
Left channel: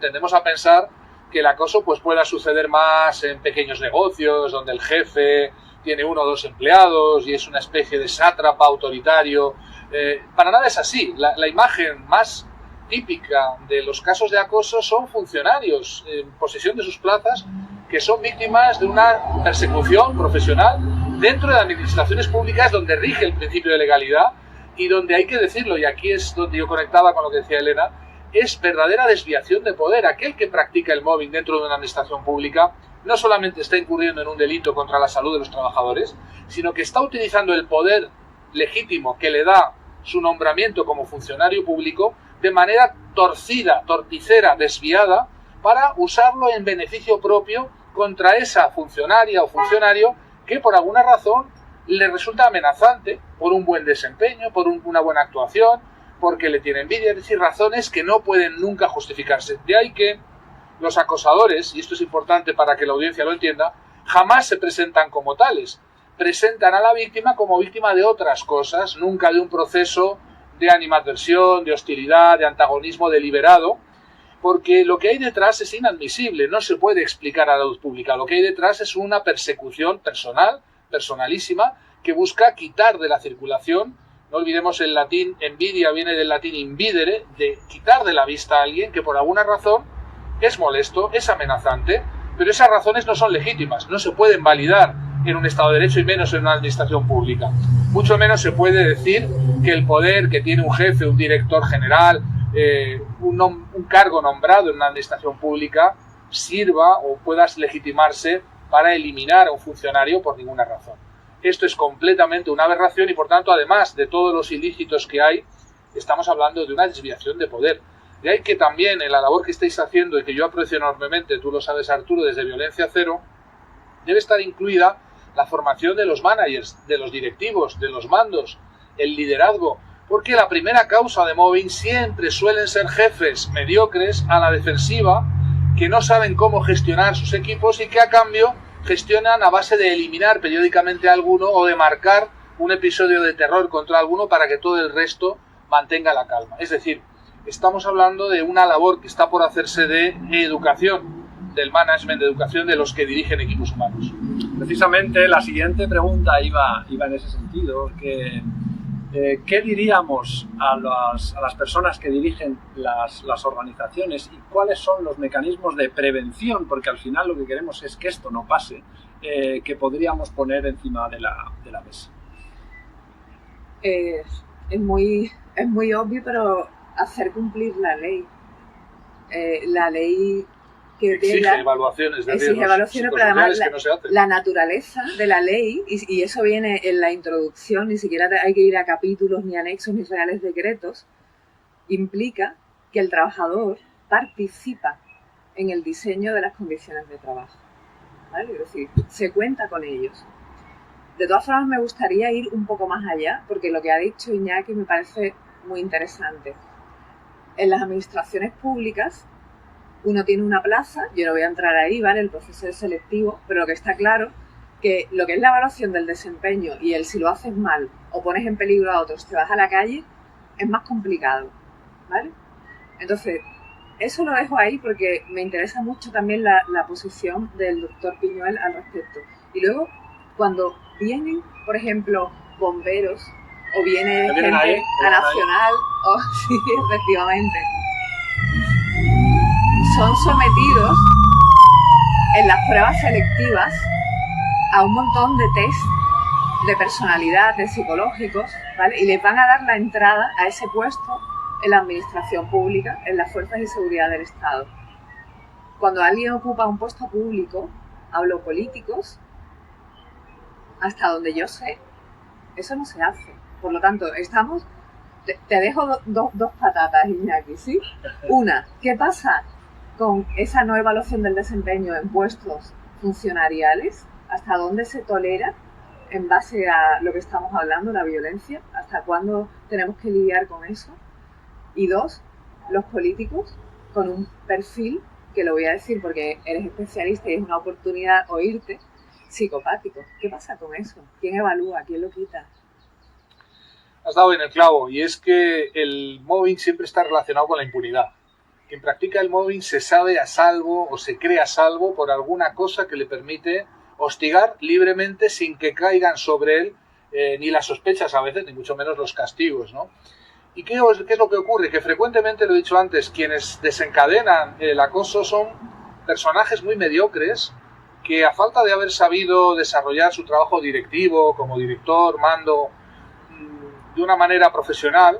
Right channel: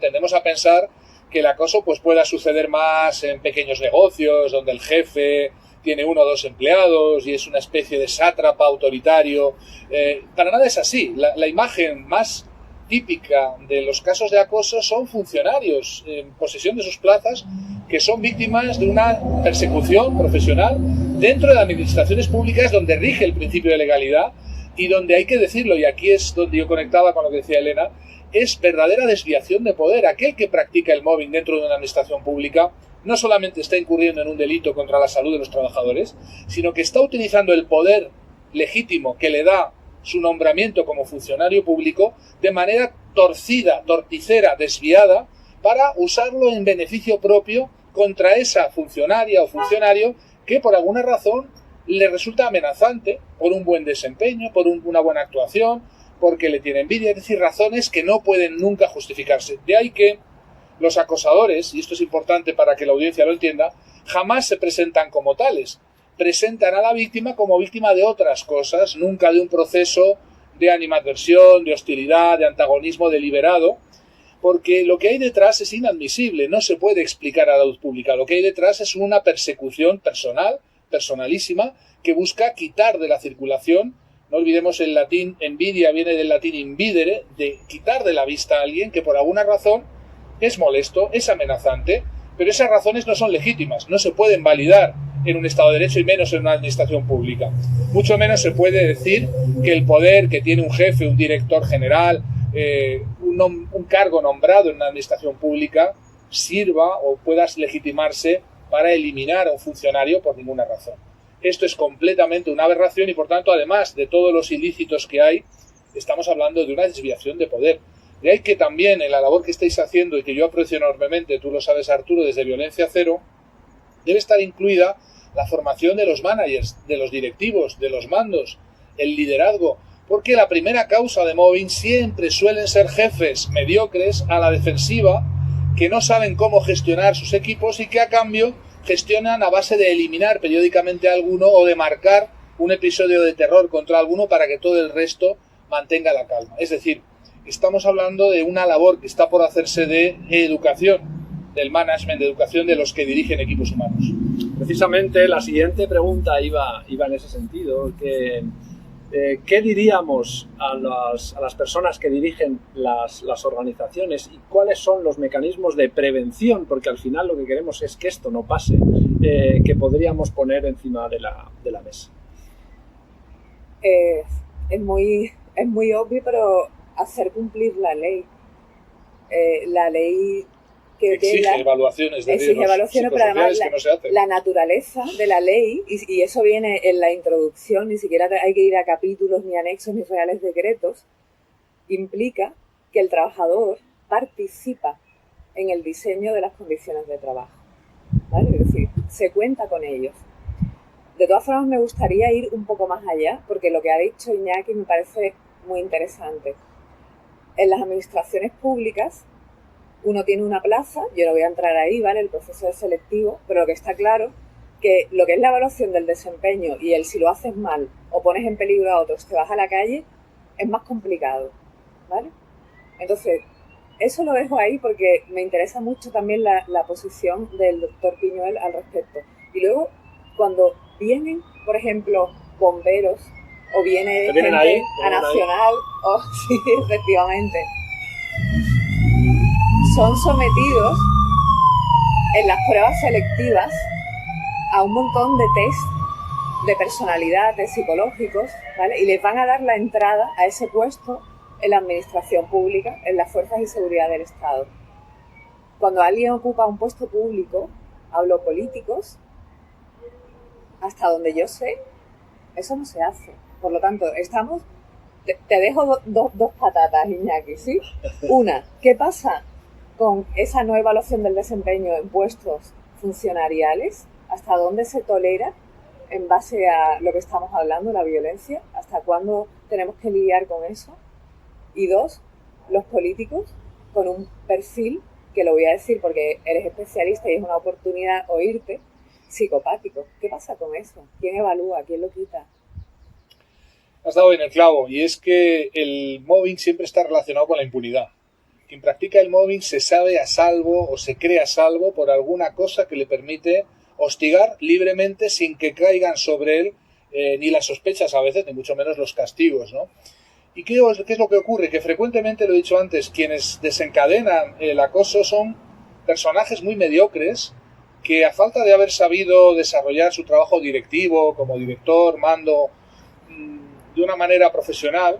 tendemos a pensar que el acoso pues, pueda suceder más en pequeños negocios, donde el jefe tiene 1 o 2 empleados y es una especie de sátrapa autoritario. Para nada es así. La imagen más típica de los casos de acoso son funcionarios en posesión de sus plazas que son víctimas de una persecución profesional dentro de administraciones públicas donde rige el principio de legalidad y donde hay que decirlo, y aquí es donde yo conectaba con lo que decía Elena, es verdadera desviación de poder. Aquel que practica el mobbing dentro de una administración pública no solamente está incurriendo en un delito contra la salud de los trabajadores, sino que está utilizando el poder legítimo que le da su nombramiento como funcionario público de manera torcida, torticera, desviada, para usarlo en beneficio propio contra esa funcionaria o funcionario que por alguna razón le resulta amenazante por un buen desempeño, por una buena actuación, porque le tiene envidia, es decir, razones que no pueden nunca justificarse. De ahí que los acosadores, y esto es importante para que la audiencia lo entienda, jamás se presentan como tales. Presentan a la víctima como víctima de otras cosas, nunca de un proceso de animadversión, de hostilidad, de antagonismo deliberado, porque lo que hay detrás es inadmisible, no se puede explicar a la luz pública. Lo que hay detrás es una persecución personal, personalísima, que busca quitar de la circulación. No olvidemos el latín envidia viene del latín invidere, de quitar de la vista a alguien que por alguna razón es molesto, es amenazante, pero esas razones no son legítimas, no se pueden validar en un Estado de Derecho y menos en una administración pública. Mucho menos se puede decir que el poder que tiene un jefe, un director general, un cargo nombrado en una administración pública sirva o pueda legitimarse para eliminar a un funcionario por ninguna razón. Esto es completamente una aberración y, por tanto, además de todos los ilícitos que hay, estamos hablando de una desviación de poder. De ahí que también en la labor que estáis haciendo y que yo aprecio enormemente, tú lo sabes, Arturo, desde Violencia Cero, debe estar incluida la formación de los managers, de los directivos, de los mandos, el liderazgo, porque la primera causa de mobbing siempre suelen ser jefes mediocres a la defensiva que no saben cómo gestionar sus equipos y que a cambio gestionan a base de eliminar periódicamente a alguno o de marcar un episodio de terror contra alguno para que todo el resto mantenga la calma. Es decir, estamos hablando de una labor que está por hacerse de educación, del management, de educación de los que dirigen equipos humanos. Precisamente la siguiente pregunta iba en ese sentido, que ¿qué diríamos a las personas que dirigen las organizaciones y cuáles son los mecanismos de prevención? Porque al final lo que queremos es que esto no pase, que podríamos poner encima de la mesa. Es muy obvio, pero hacer cumplir la ley. La ley que exige evaluaciones de riesgos pero además que no se hacen. La naturaleza de la ley, y eso viene en la introducción, ni siquiera hay que ir a capítulos, ni anexos, ni reales decretos, implica que el trabajador participa en el diseño de las condiciones de trabajo, ¿vale? Es decir, se cuenta con ellos. De todas formas, me gustaría ir un poco más allá, porque lo que ha dicho Iñaki me parece muy interesante. En las administraciones públicas, uno tiene una plaza, yo no voy a entrar ahí, ¿vale? El proceso es selectivo, pero lo que está claro que lo que es la evaluación del desempeño y el si lo haces mal o pones en peligro a otros, te vas a la calle, es más complicado, ¿vale? Entonces, eso lo dejo ahí porque me interesa mucho también la posición del doctor Piñuel al respecto. Y luego, cuando vienen, por ejemplo, bomberos o viene gente a Nacional, sí, efectivamente, son sometidos en las pruebas selectivas a un montón de test de personalidad, de psicológicos, ¿vale? Y les van a dar la entrada a ese puesto en la administración pública, en las fuerzas de seguridad del Estado. Cuando alguien ocupa un puesto público, hablo políticos, hasta donde yo sé, eso no se hace. Por lo tanto, te dejo dos patatas, Iñaki, ¿sí? Una, ¿qué pasa con esa no evaluación del desempeño en puestos funcionariales? ¿Hasta dónde se tolera en base a lo que estamos hablando, la violencia? ¿Hasta cuándo tenemos que lidiar con eso? Y dos, los políticos con un perfil, que lo voy a decir porque eres especialista y es una oportunidad oírte, psicopático. ¿Qué pasa con eso? ¿Quién evalúa? ¿Quién lo quita? Has dado en el clavo, y es que el mobbing siempre está relacionado con la impunidad. Quien practica el mobbing se sabe a salvo o se cree a salvo por alguna cosa que le permite hostigar libremente sin que caigan sobre él ni las sospechas a veces, ni mucho menos los castigos, ¿no? ¿Y qué es lo que ocurre? Que frecuentemente, lo he dicho antes, quienes desencadenan el acoso son personajes muy mediocres que, a falta de haber sabido desarrollar su trabajo directivo, como director, mando, de una manera profesional,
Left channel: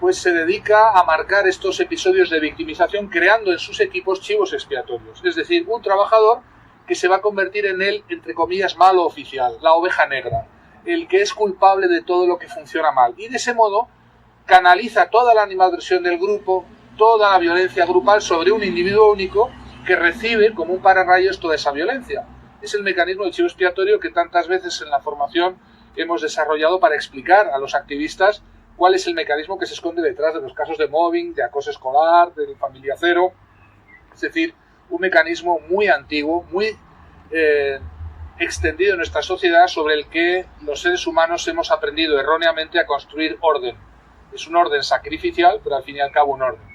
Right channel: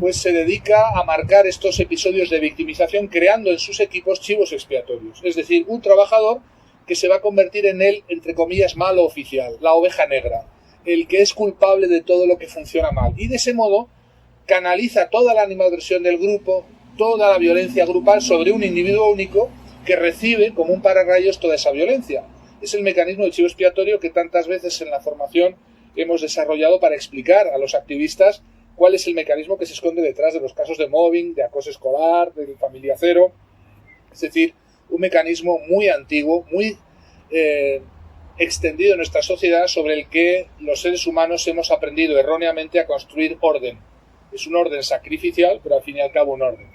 pues se dedica a marcar estos episodios de victimización creando en sus equipos chivos expiatorios. Es decir, un trabajador que se va a convertir en el, entre comillas, malo oficial, la oveja negra, el que es culpable de todo lo que funciona mal. Y de ese modo canaliza toda la animadversión del grupo, toda la violencia grupal sobre un individuo único que recibe como un pararrayos toda esa violencia. Es el mecanismo del chivo expiatorio que tantas veces en la formación hemos desarrollado para explicar a los activistas cuál es el mecanismo que se esconde detrás de los casos de mobbing, de acoso escolar, de familia cero. Es decir, un mecanismo muy antiguo, muy extendido en nuestra sociedad, sobre el que los seres humanos hemos aprendido erróneamente a construir orden. Es un orden sacrificial, pero al fin y al cabo un orden.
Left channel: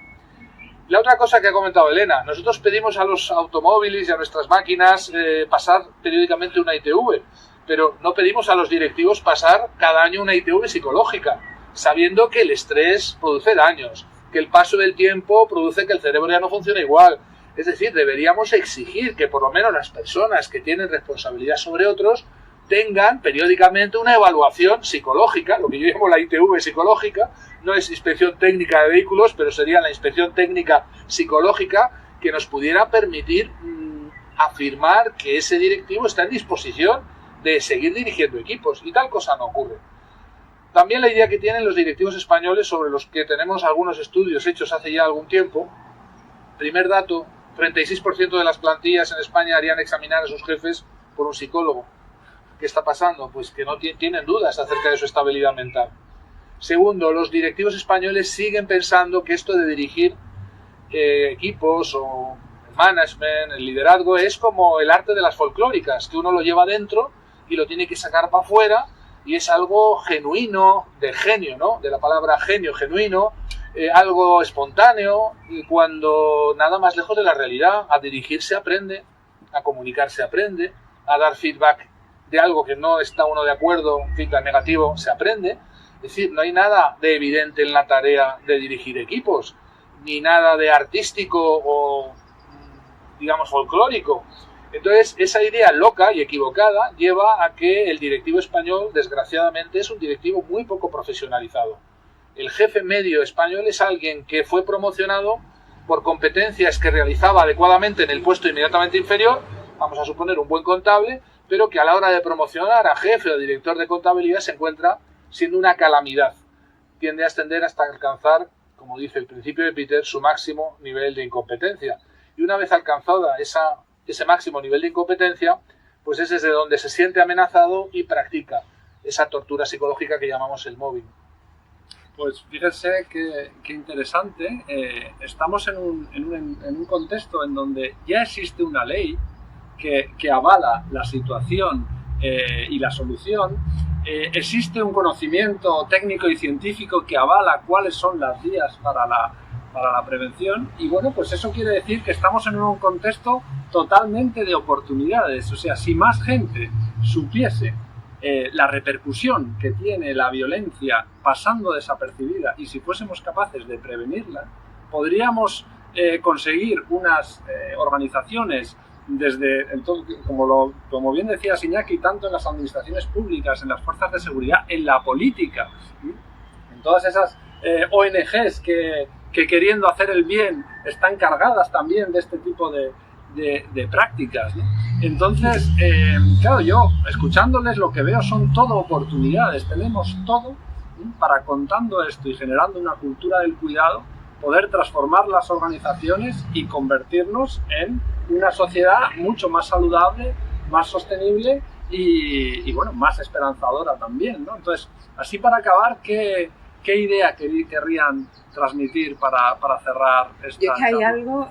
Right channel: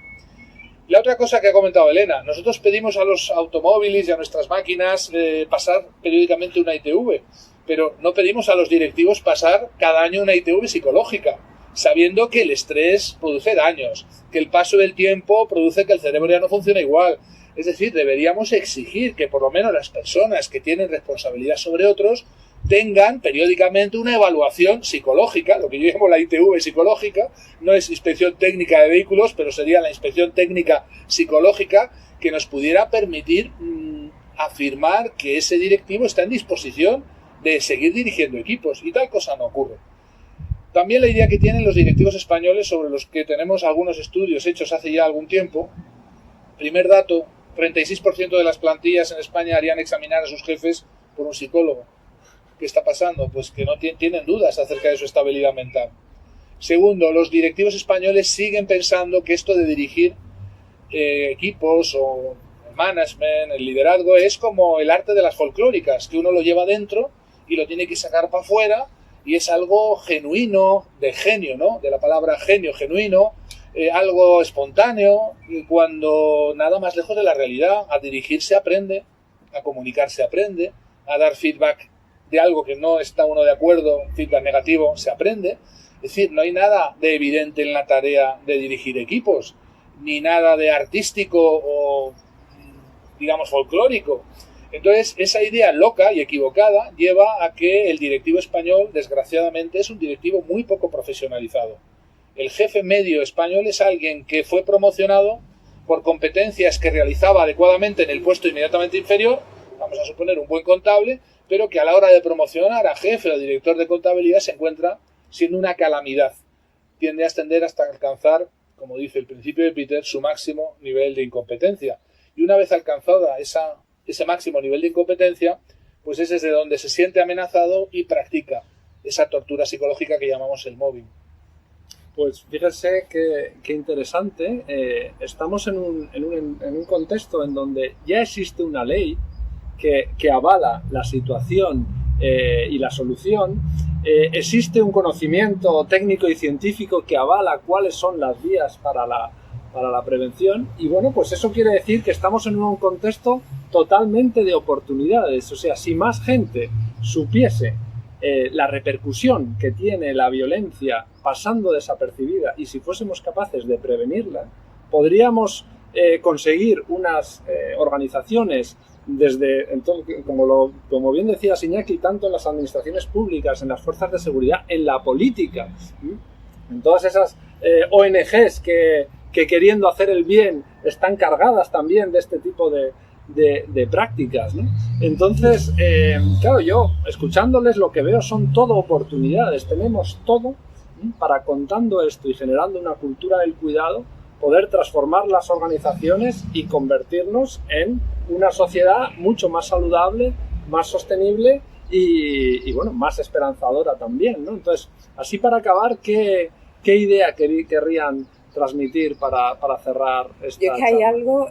La otra cosa que ha comentado Elena, nosotros pedimos a los automóviles y a nuestras máquinas pasar periódicamente una ITV, pero no pedimos a los directivos pasar cada año una ITV psicológica, sabiendo que el estrés produce daños, que el paso del tiempo produce que el cerebro ya no funcione igual. Es decir, deberíamos exigir que por lo menos las personas que tienen responsabilidad sobre otros tengan periódicamente una evaluación psicológica, lo que yo llamo la ITV psicológica. No es inspección técnica de vehículos, pero sería la inspección técnica psicológica, que nos pudiera permitir afirmar que ese directivo está en disposición de seguir dirigiendo equipos, y tal cosa no ocurre. También la idea que tienen los directivos españoles, sobre los que tenemos algunos estudios hechos hace ya algún tiempo. Primer dato, 36% de las plantillas en España harían examinar a sus jefes por un psicólogo. ¿Qué está pasando? Pues que no tienen dudas acerca de su estabilidad mental. Segundo, los directivos españoles siguen pensando que esto de dirigir equipos o el management, el liderazgo, es como el arte de las folclóricas, que uno lo lleva dentro y lo tiene que sacar para afuera, y es algo genuino, de genio, ¿no? De la palabra genio, genuino, algo espontáneo, y cuando nada más lejos de la realidad. A dirigirse aprende, a comunicarse aprende, a dar feedback de algo que no está uno de acuerdo, feedback negativo, se aprende. Es decir, no hay nada de evidente en la tarea de dirigir equipos, ni nada de artístico o, digamos, folclórico. Entonces, esa idea loca y equivocada lleva a que el directivo español, desgraciadamente, es un directivo muy poco profesionalizado. El jefe medio español es alguien que fue promocionado por competencias que realizaba adecuadamente en el puesto inmediatamente inferior, vamos a suponer un buen contable, pero que a la hora de promocionar a jefe o director de contabilidad se encuentra siendo una calamidad. Tiende a ascender hasta alcanzar, como dice el principio de Peter, su máximo nivel de incompetencia. Y una vez alcanzada ese máximo nivel de incompetencia, pues es desde donde se siente amenazado y practica esa tortura psicológica que llamamos el mobbing. Pues fíjense qué interesante. Estamos en un contexto en donde ya existe una ley que avala la situación y la solución. Existe un conocimiento técnico y científico que avala cuáles son las vías para la prevención, y bueno, pues eso quiere decir que estamos en un contexto totalmente de oportunidades. O sea, si más gente supiese la repercusión que tiene la violencia pasando desapercibida, y si fuésemos capaces de prevenirla, podríamos conseguir unas organizaciones desde, como bien decía Iñaki, tanto en las administraciones públicas, en las fuerzas de seguridad, en la política, en todas esas ONGs que queriendo hacer el bien están cargadas también de este tipo de prácticas, ¿no? Entonces, claro, yo escuchándoles lo que veo son todo oportunidades. Tenemos todo, ¿no?, para, contando esto y generando una cultura del cuidado, poder transformar las organizaciones y convertirnos en una sociedad mucho más saludable, más sostenible y bueno, más esperanzadora también, ¿no? Entonces, así para acabar, ¿qué idea querrían transmitir para cerrar esta Yo es que hay charla? algo,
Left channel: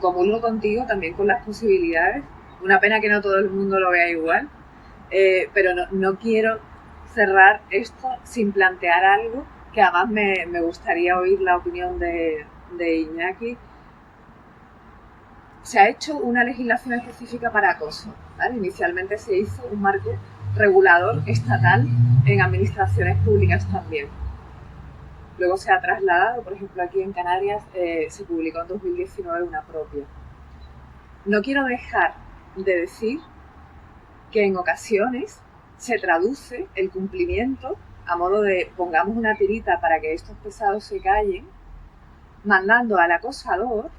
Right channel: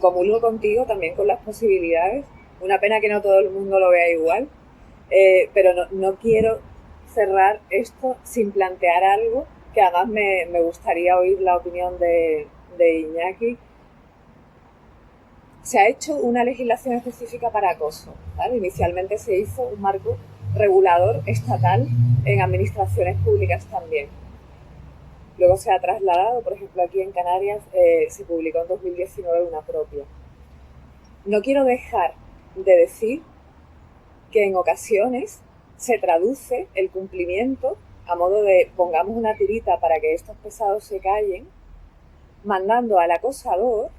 comulgo contigo también con las posibilidades. Una pena que no todo el mundo lo vea igual, pero no quiero cerrar esto sin plantear algo que además me gustaría oír la opinión de Iñaki. Se ha hecho una legislación específica para acoso, ¿vale? Inicialmente se hizo un marco regulador estatal en administraciones públicas también. Luego se ha trasladado, por ejemplo, aquí en Canarias se publicó en 2019 una propia. No quiero dejar de decir que en ocasiones se traduce el cumplimiento a modo de pongamos una tirita para que estos pesados se callen, mandando al acosador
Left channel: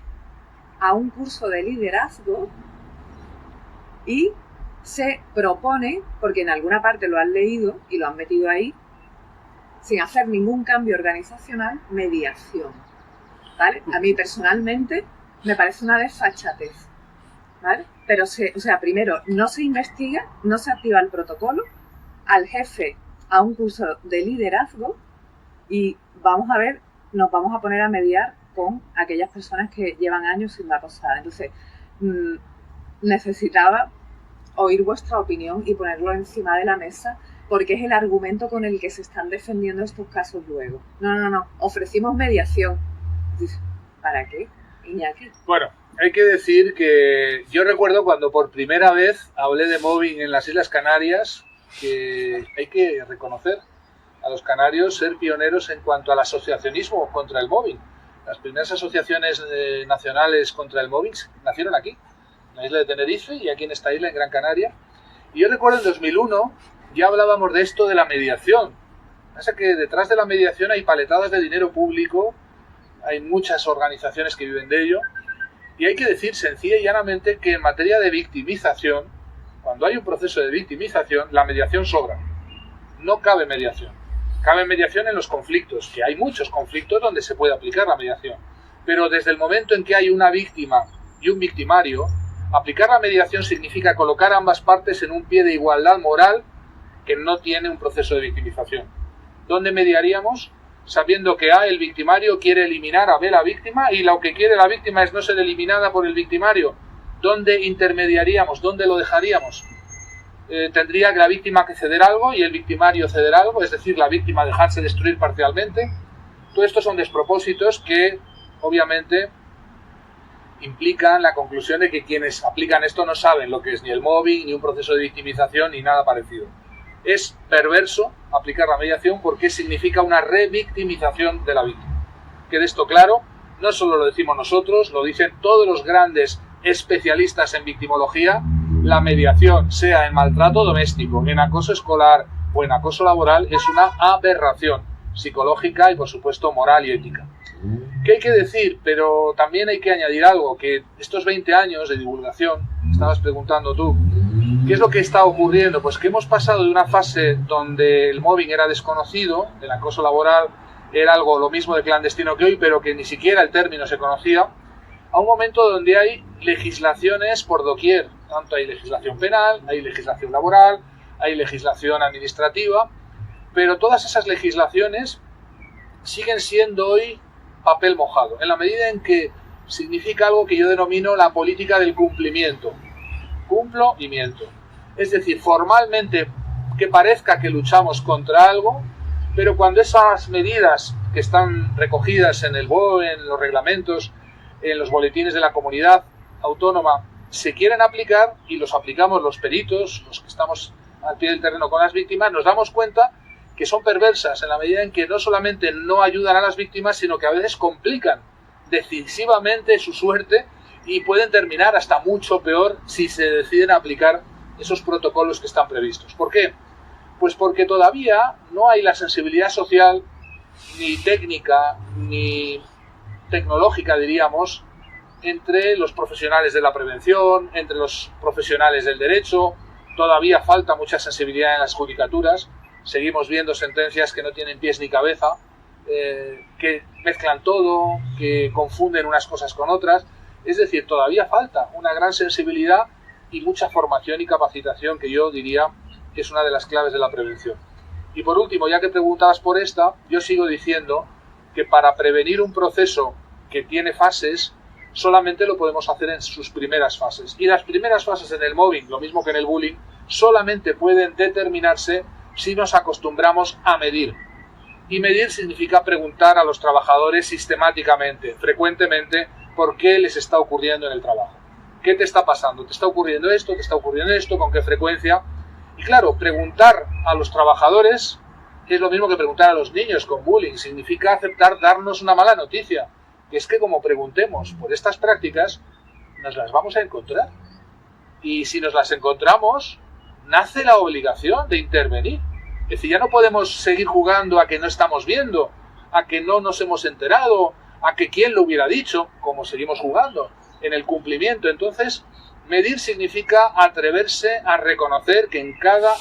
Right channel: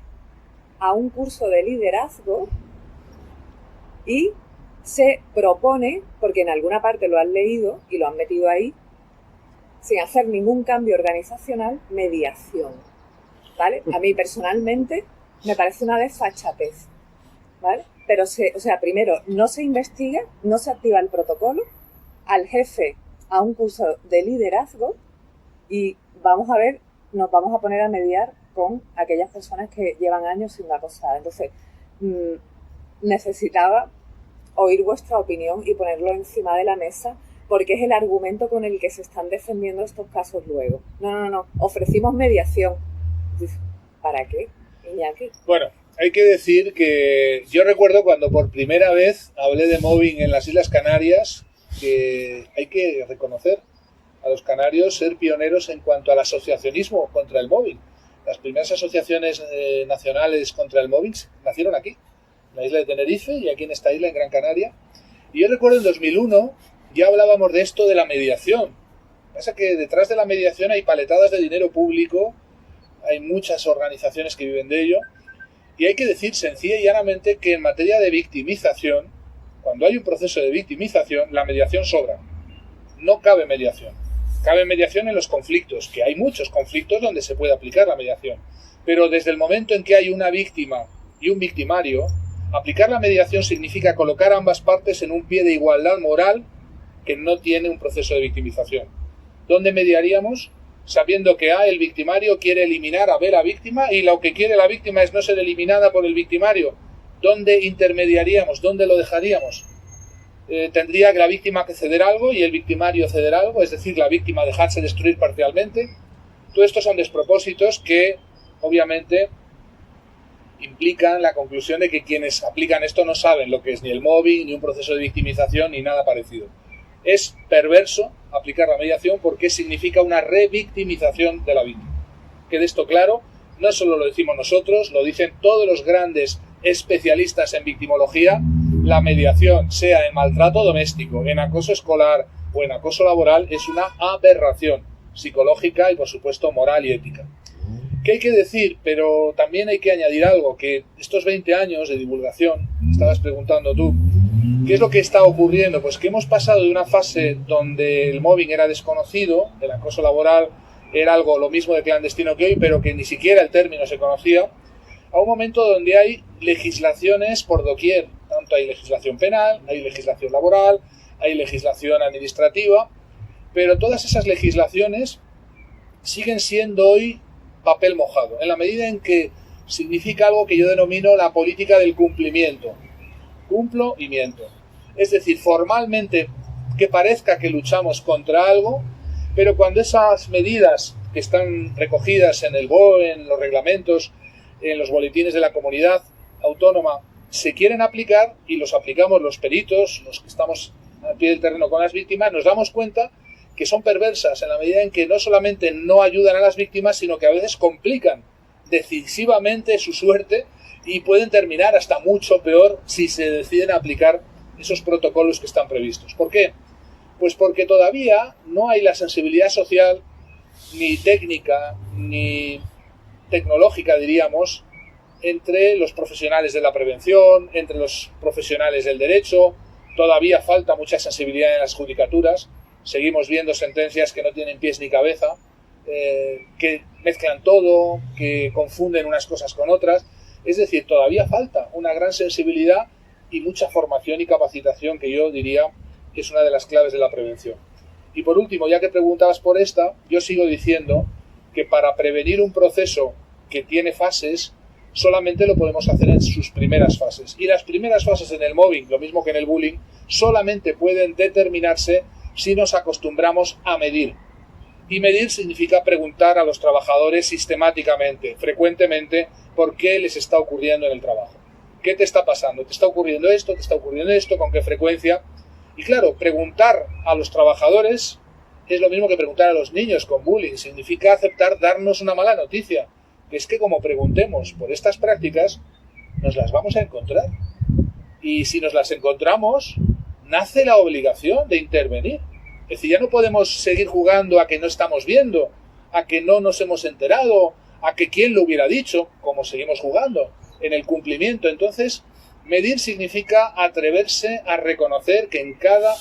a un curso de liderazgo, y se propone, porque en alguna parte lo han leído y lo han metido ahí, sin hacer ningún cambio organizacional, mediación, ¿vale? A mí personalmente me parece una desfachatez, ¿vale? Pero primero no se investiga, no se activa el protocolo, al jefe a un curso de liderazgo, y vamos a ver, nos vamos a poner a mediar con aquellas personas que llevan años siendo acosadas. Entonces, necesitaba oír vuestra opinión y ponerlo encima de la mesa, porque es el argumento con el que se están defendiendo estos casos luego. No, ofrecimos mediación. ¿Para qué, Iñaki? Bueno, hay que decir que yo recuerdo cuando por primera vez hablé de mobbing en las Islas Canarias, que hay que reconocer a los canarios ser pioneros en cuanto al asociacionismo contra el mobbing. Las primeras asociaciones nacionales contra el mobbing nacieron aquí, en la isla de Tenerife y aquí en esta isla, en Gran Canaria. Y yo recuerdo en 2001 ya hablábamos de esto de la mediación. Pasa que detrás de la mediación hay paletadas de dinero público, hay muchas organizaciones que viven de ello, y hay que decir sencilla y llanamente que en materia de victimización, cuando hay un proceso de victimización, la mediación sobra. No cabe mediación. Cabe mediación en los conflictos, que hay muchos conflictos donde se puede aplicar la mediación. Pero desde el momento en que hay una víctima y un victimario, aplicar la mediación significa colocar a ambas partes en un pie de igualdad moral que no tiene un proceso de victimización. ¿Dónde mediaríamos? sabiendo que A, el victimario, quiere eliminar a B, la víctima, y lo que quiere la víctima es no ser eliminada por el victimario. ¿Dónde intermediaríamos? ¿Dónde lo dejaríamos? ¿Tendría que la víctima que ceder algo y el victimario ceder algo? Es decir, la víctima dejarse destruir parcialmente. Todo esto son despropósitos que, obviamente, implican la conclusión de que quienes aplican esto no saben lo que es ni el mobbing, ni un proceso de victimización, ni nada parecido. Es perverso aplicar la mediación porque significa una revictimización de la víctima. Quede esto claro, no solo lo decimos nosotros, lo dicen todos los grandes especialistas en victimología. La mediación, sea en maltrato doméstico, en acoso escolar o en acoso laboral, es una aberración psicológica y, por supuesto, moral y ética. ¿Qué hay que decir? Pero también hay que añadir algo, que estos 20 años de divulgación, estabas preguntando tú, ¿qué es lo que está ocurriendo? Pues que hemos pasado de una fase donde el mobbing era desconocido, el acoso laboral era algo lo mismo de clandestino que hoy, pero que ni siquiera el término se conocía, a un momento donde hay legislaciones por doquier. Tanto hay legislación penal, hay legislación laboral, hay legislación administrativa, pero todas esas legislaciones siguen siendo hoy papel mojado, en la medida en que significa algo que yo denomino la política del cumplimiento. Cumplo y miento. Es decir, formalmente que parezca que luchamos contra algo, pero cuando esas medidas que están recogidas en el BOE, en los reglamentos, en los boletines de la comunidad autónoma, se quieren aplicar y los aplicamos los peritos, los que estamos al pie del terreno con las víctimas, nos damos cuenta que son perversas en la medida en que no solamente no ayudan a las víctimas, sino que a veces complican decisivamente su suerte y pueden terminar hasta mucho peor si se deciden aplicar esos protocolos que están previstos. ¿Por qué? Pues porque todavía no hay la sensibilidad social, ni técnica, ni tecnológica, diríamos, entre los profesionales de la prevención, entre los profesionales del derecho. Todavía falta mucha sensibilidad en las judicaturas. Seguimos viendo sentencias que no tienen pies ni cabeza, que mezclan todo, que confunden unas cosas con otras. Es decir, todavía falta una gran sensibilidad y mucha formación y capacitación, que yo diría es una de las claves de la prevención. Y por último, ya que preguntabas por esta, yo sigo diciendo que para prevenir un proceso que tiene fases, solamente lo podemos hacer en sus primeras fases. Y las primeras fases en el mobbing, lo mismo que en el bullying, solamente pueden determinarse si nos acostumbramos a medir. Y medir significa preguntar a los trabajadores sistemáticamente, frecuentemente, por qué les está ocurriendo en el trabajo. ¿Qué te está pasando? ¿Te está ocurriendo esto? ¿Te está ocurriendo esto? ¿Con qué frecuencia? Y claro, preguntar a los trabajadores es lo mismo que preguntar a los niños con bullying. Significa aceptar darnos una mala noticia, que es que como preguntemos por estas prácticas, nos las vamos a encontrar. Y si nos las encontramos, nace la obligación de intervenir. Es decir, ya no podemos seguir jugando a que no estamos viendo, a que no nos hemos enterado, a que quién lo hubiera dicho, como seguimos jugando, en el cumplimiento. Entonces, medir significa atreverse a reconocer que en cada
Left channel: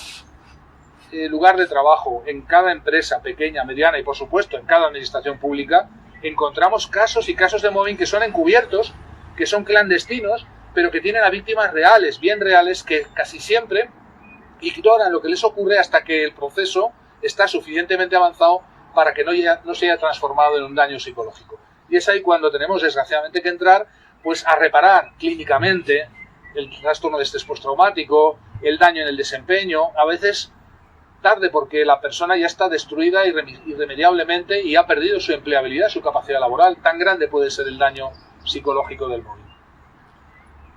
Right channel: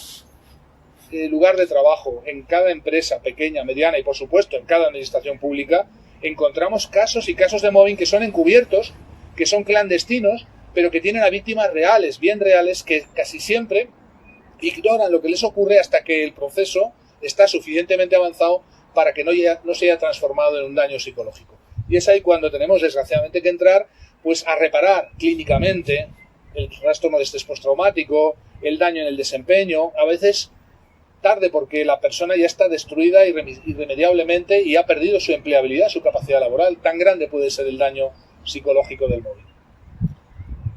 lugar de trabajo, en cada empresa pequeña, mediana y, por supuesto, en cada administración pública, encontramos casos y casos de mobbing que son encubiertos, que son clandestinos, pero que tienen a víctimas reales, bien reales, que casi siempre ignoran lo que les ocurre hasta que el proceso está suficientemente avanzado para que no se haya transformado en un daño psicológico. Y es ahí cuando tenemos, desgraciadamente, que entrar pues a reparar clínicamente el trastorno de estrés postraumático, el daño en el desempeño, a veces tarde porque la persona ya está destruida irremediablemente y ha perdido su empleabilidad, su capacidad laboral. Tan grande puede ser el daño psicológico del mobbing.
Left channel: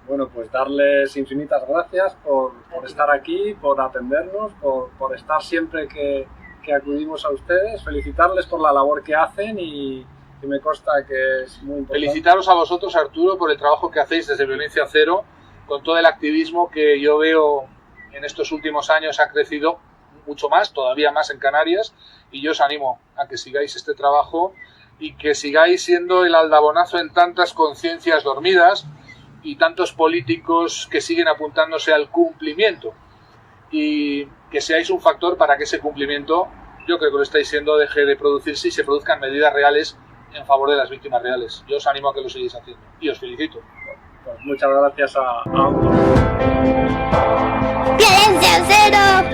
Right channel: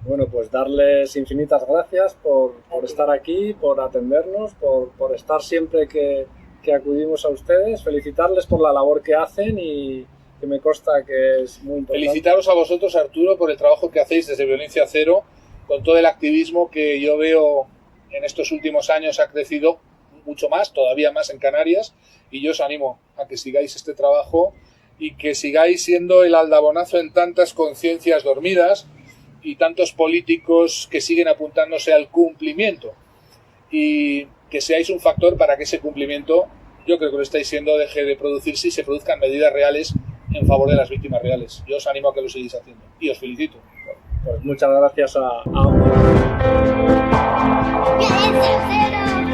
Bueno, pues darles infinitas gracias por estar aquí, por atendernos, por estar siempre que acudimos a ustedes, felicitarles por la labor que hacen y que me consta que es muy importante. Felicitaros a vosotros, Arturo, por el trabajo que hacéis desde Violencia Cero, con todo el activismo que yo veo en estos últimos años ha crecido mucho más, todavía más en Canarias, y yo os animo a que sigáis este trabajo y que sigáis siendo el aldabonazo en tantas conciencias dormidas y tantos políticos que siguen apuntándose al cumplimiento, y que seáis un factor para que ese cumplimiento, yo creo que lo estáis siendo, deje de producirse y se produzcan medidas reales en favor de las víctimas reales. Yo os animo a que lo sigáis haciendo y os felicito. Pues muchas gracias a ambos. Violencia Cero.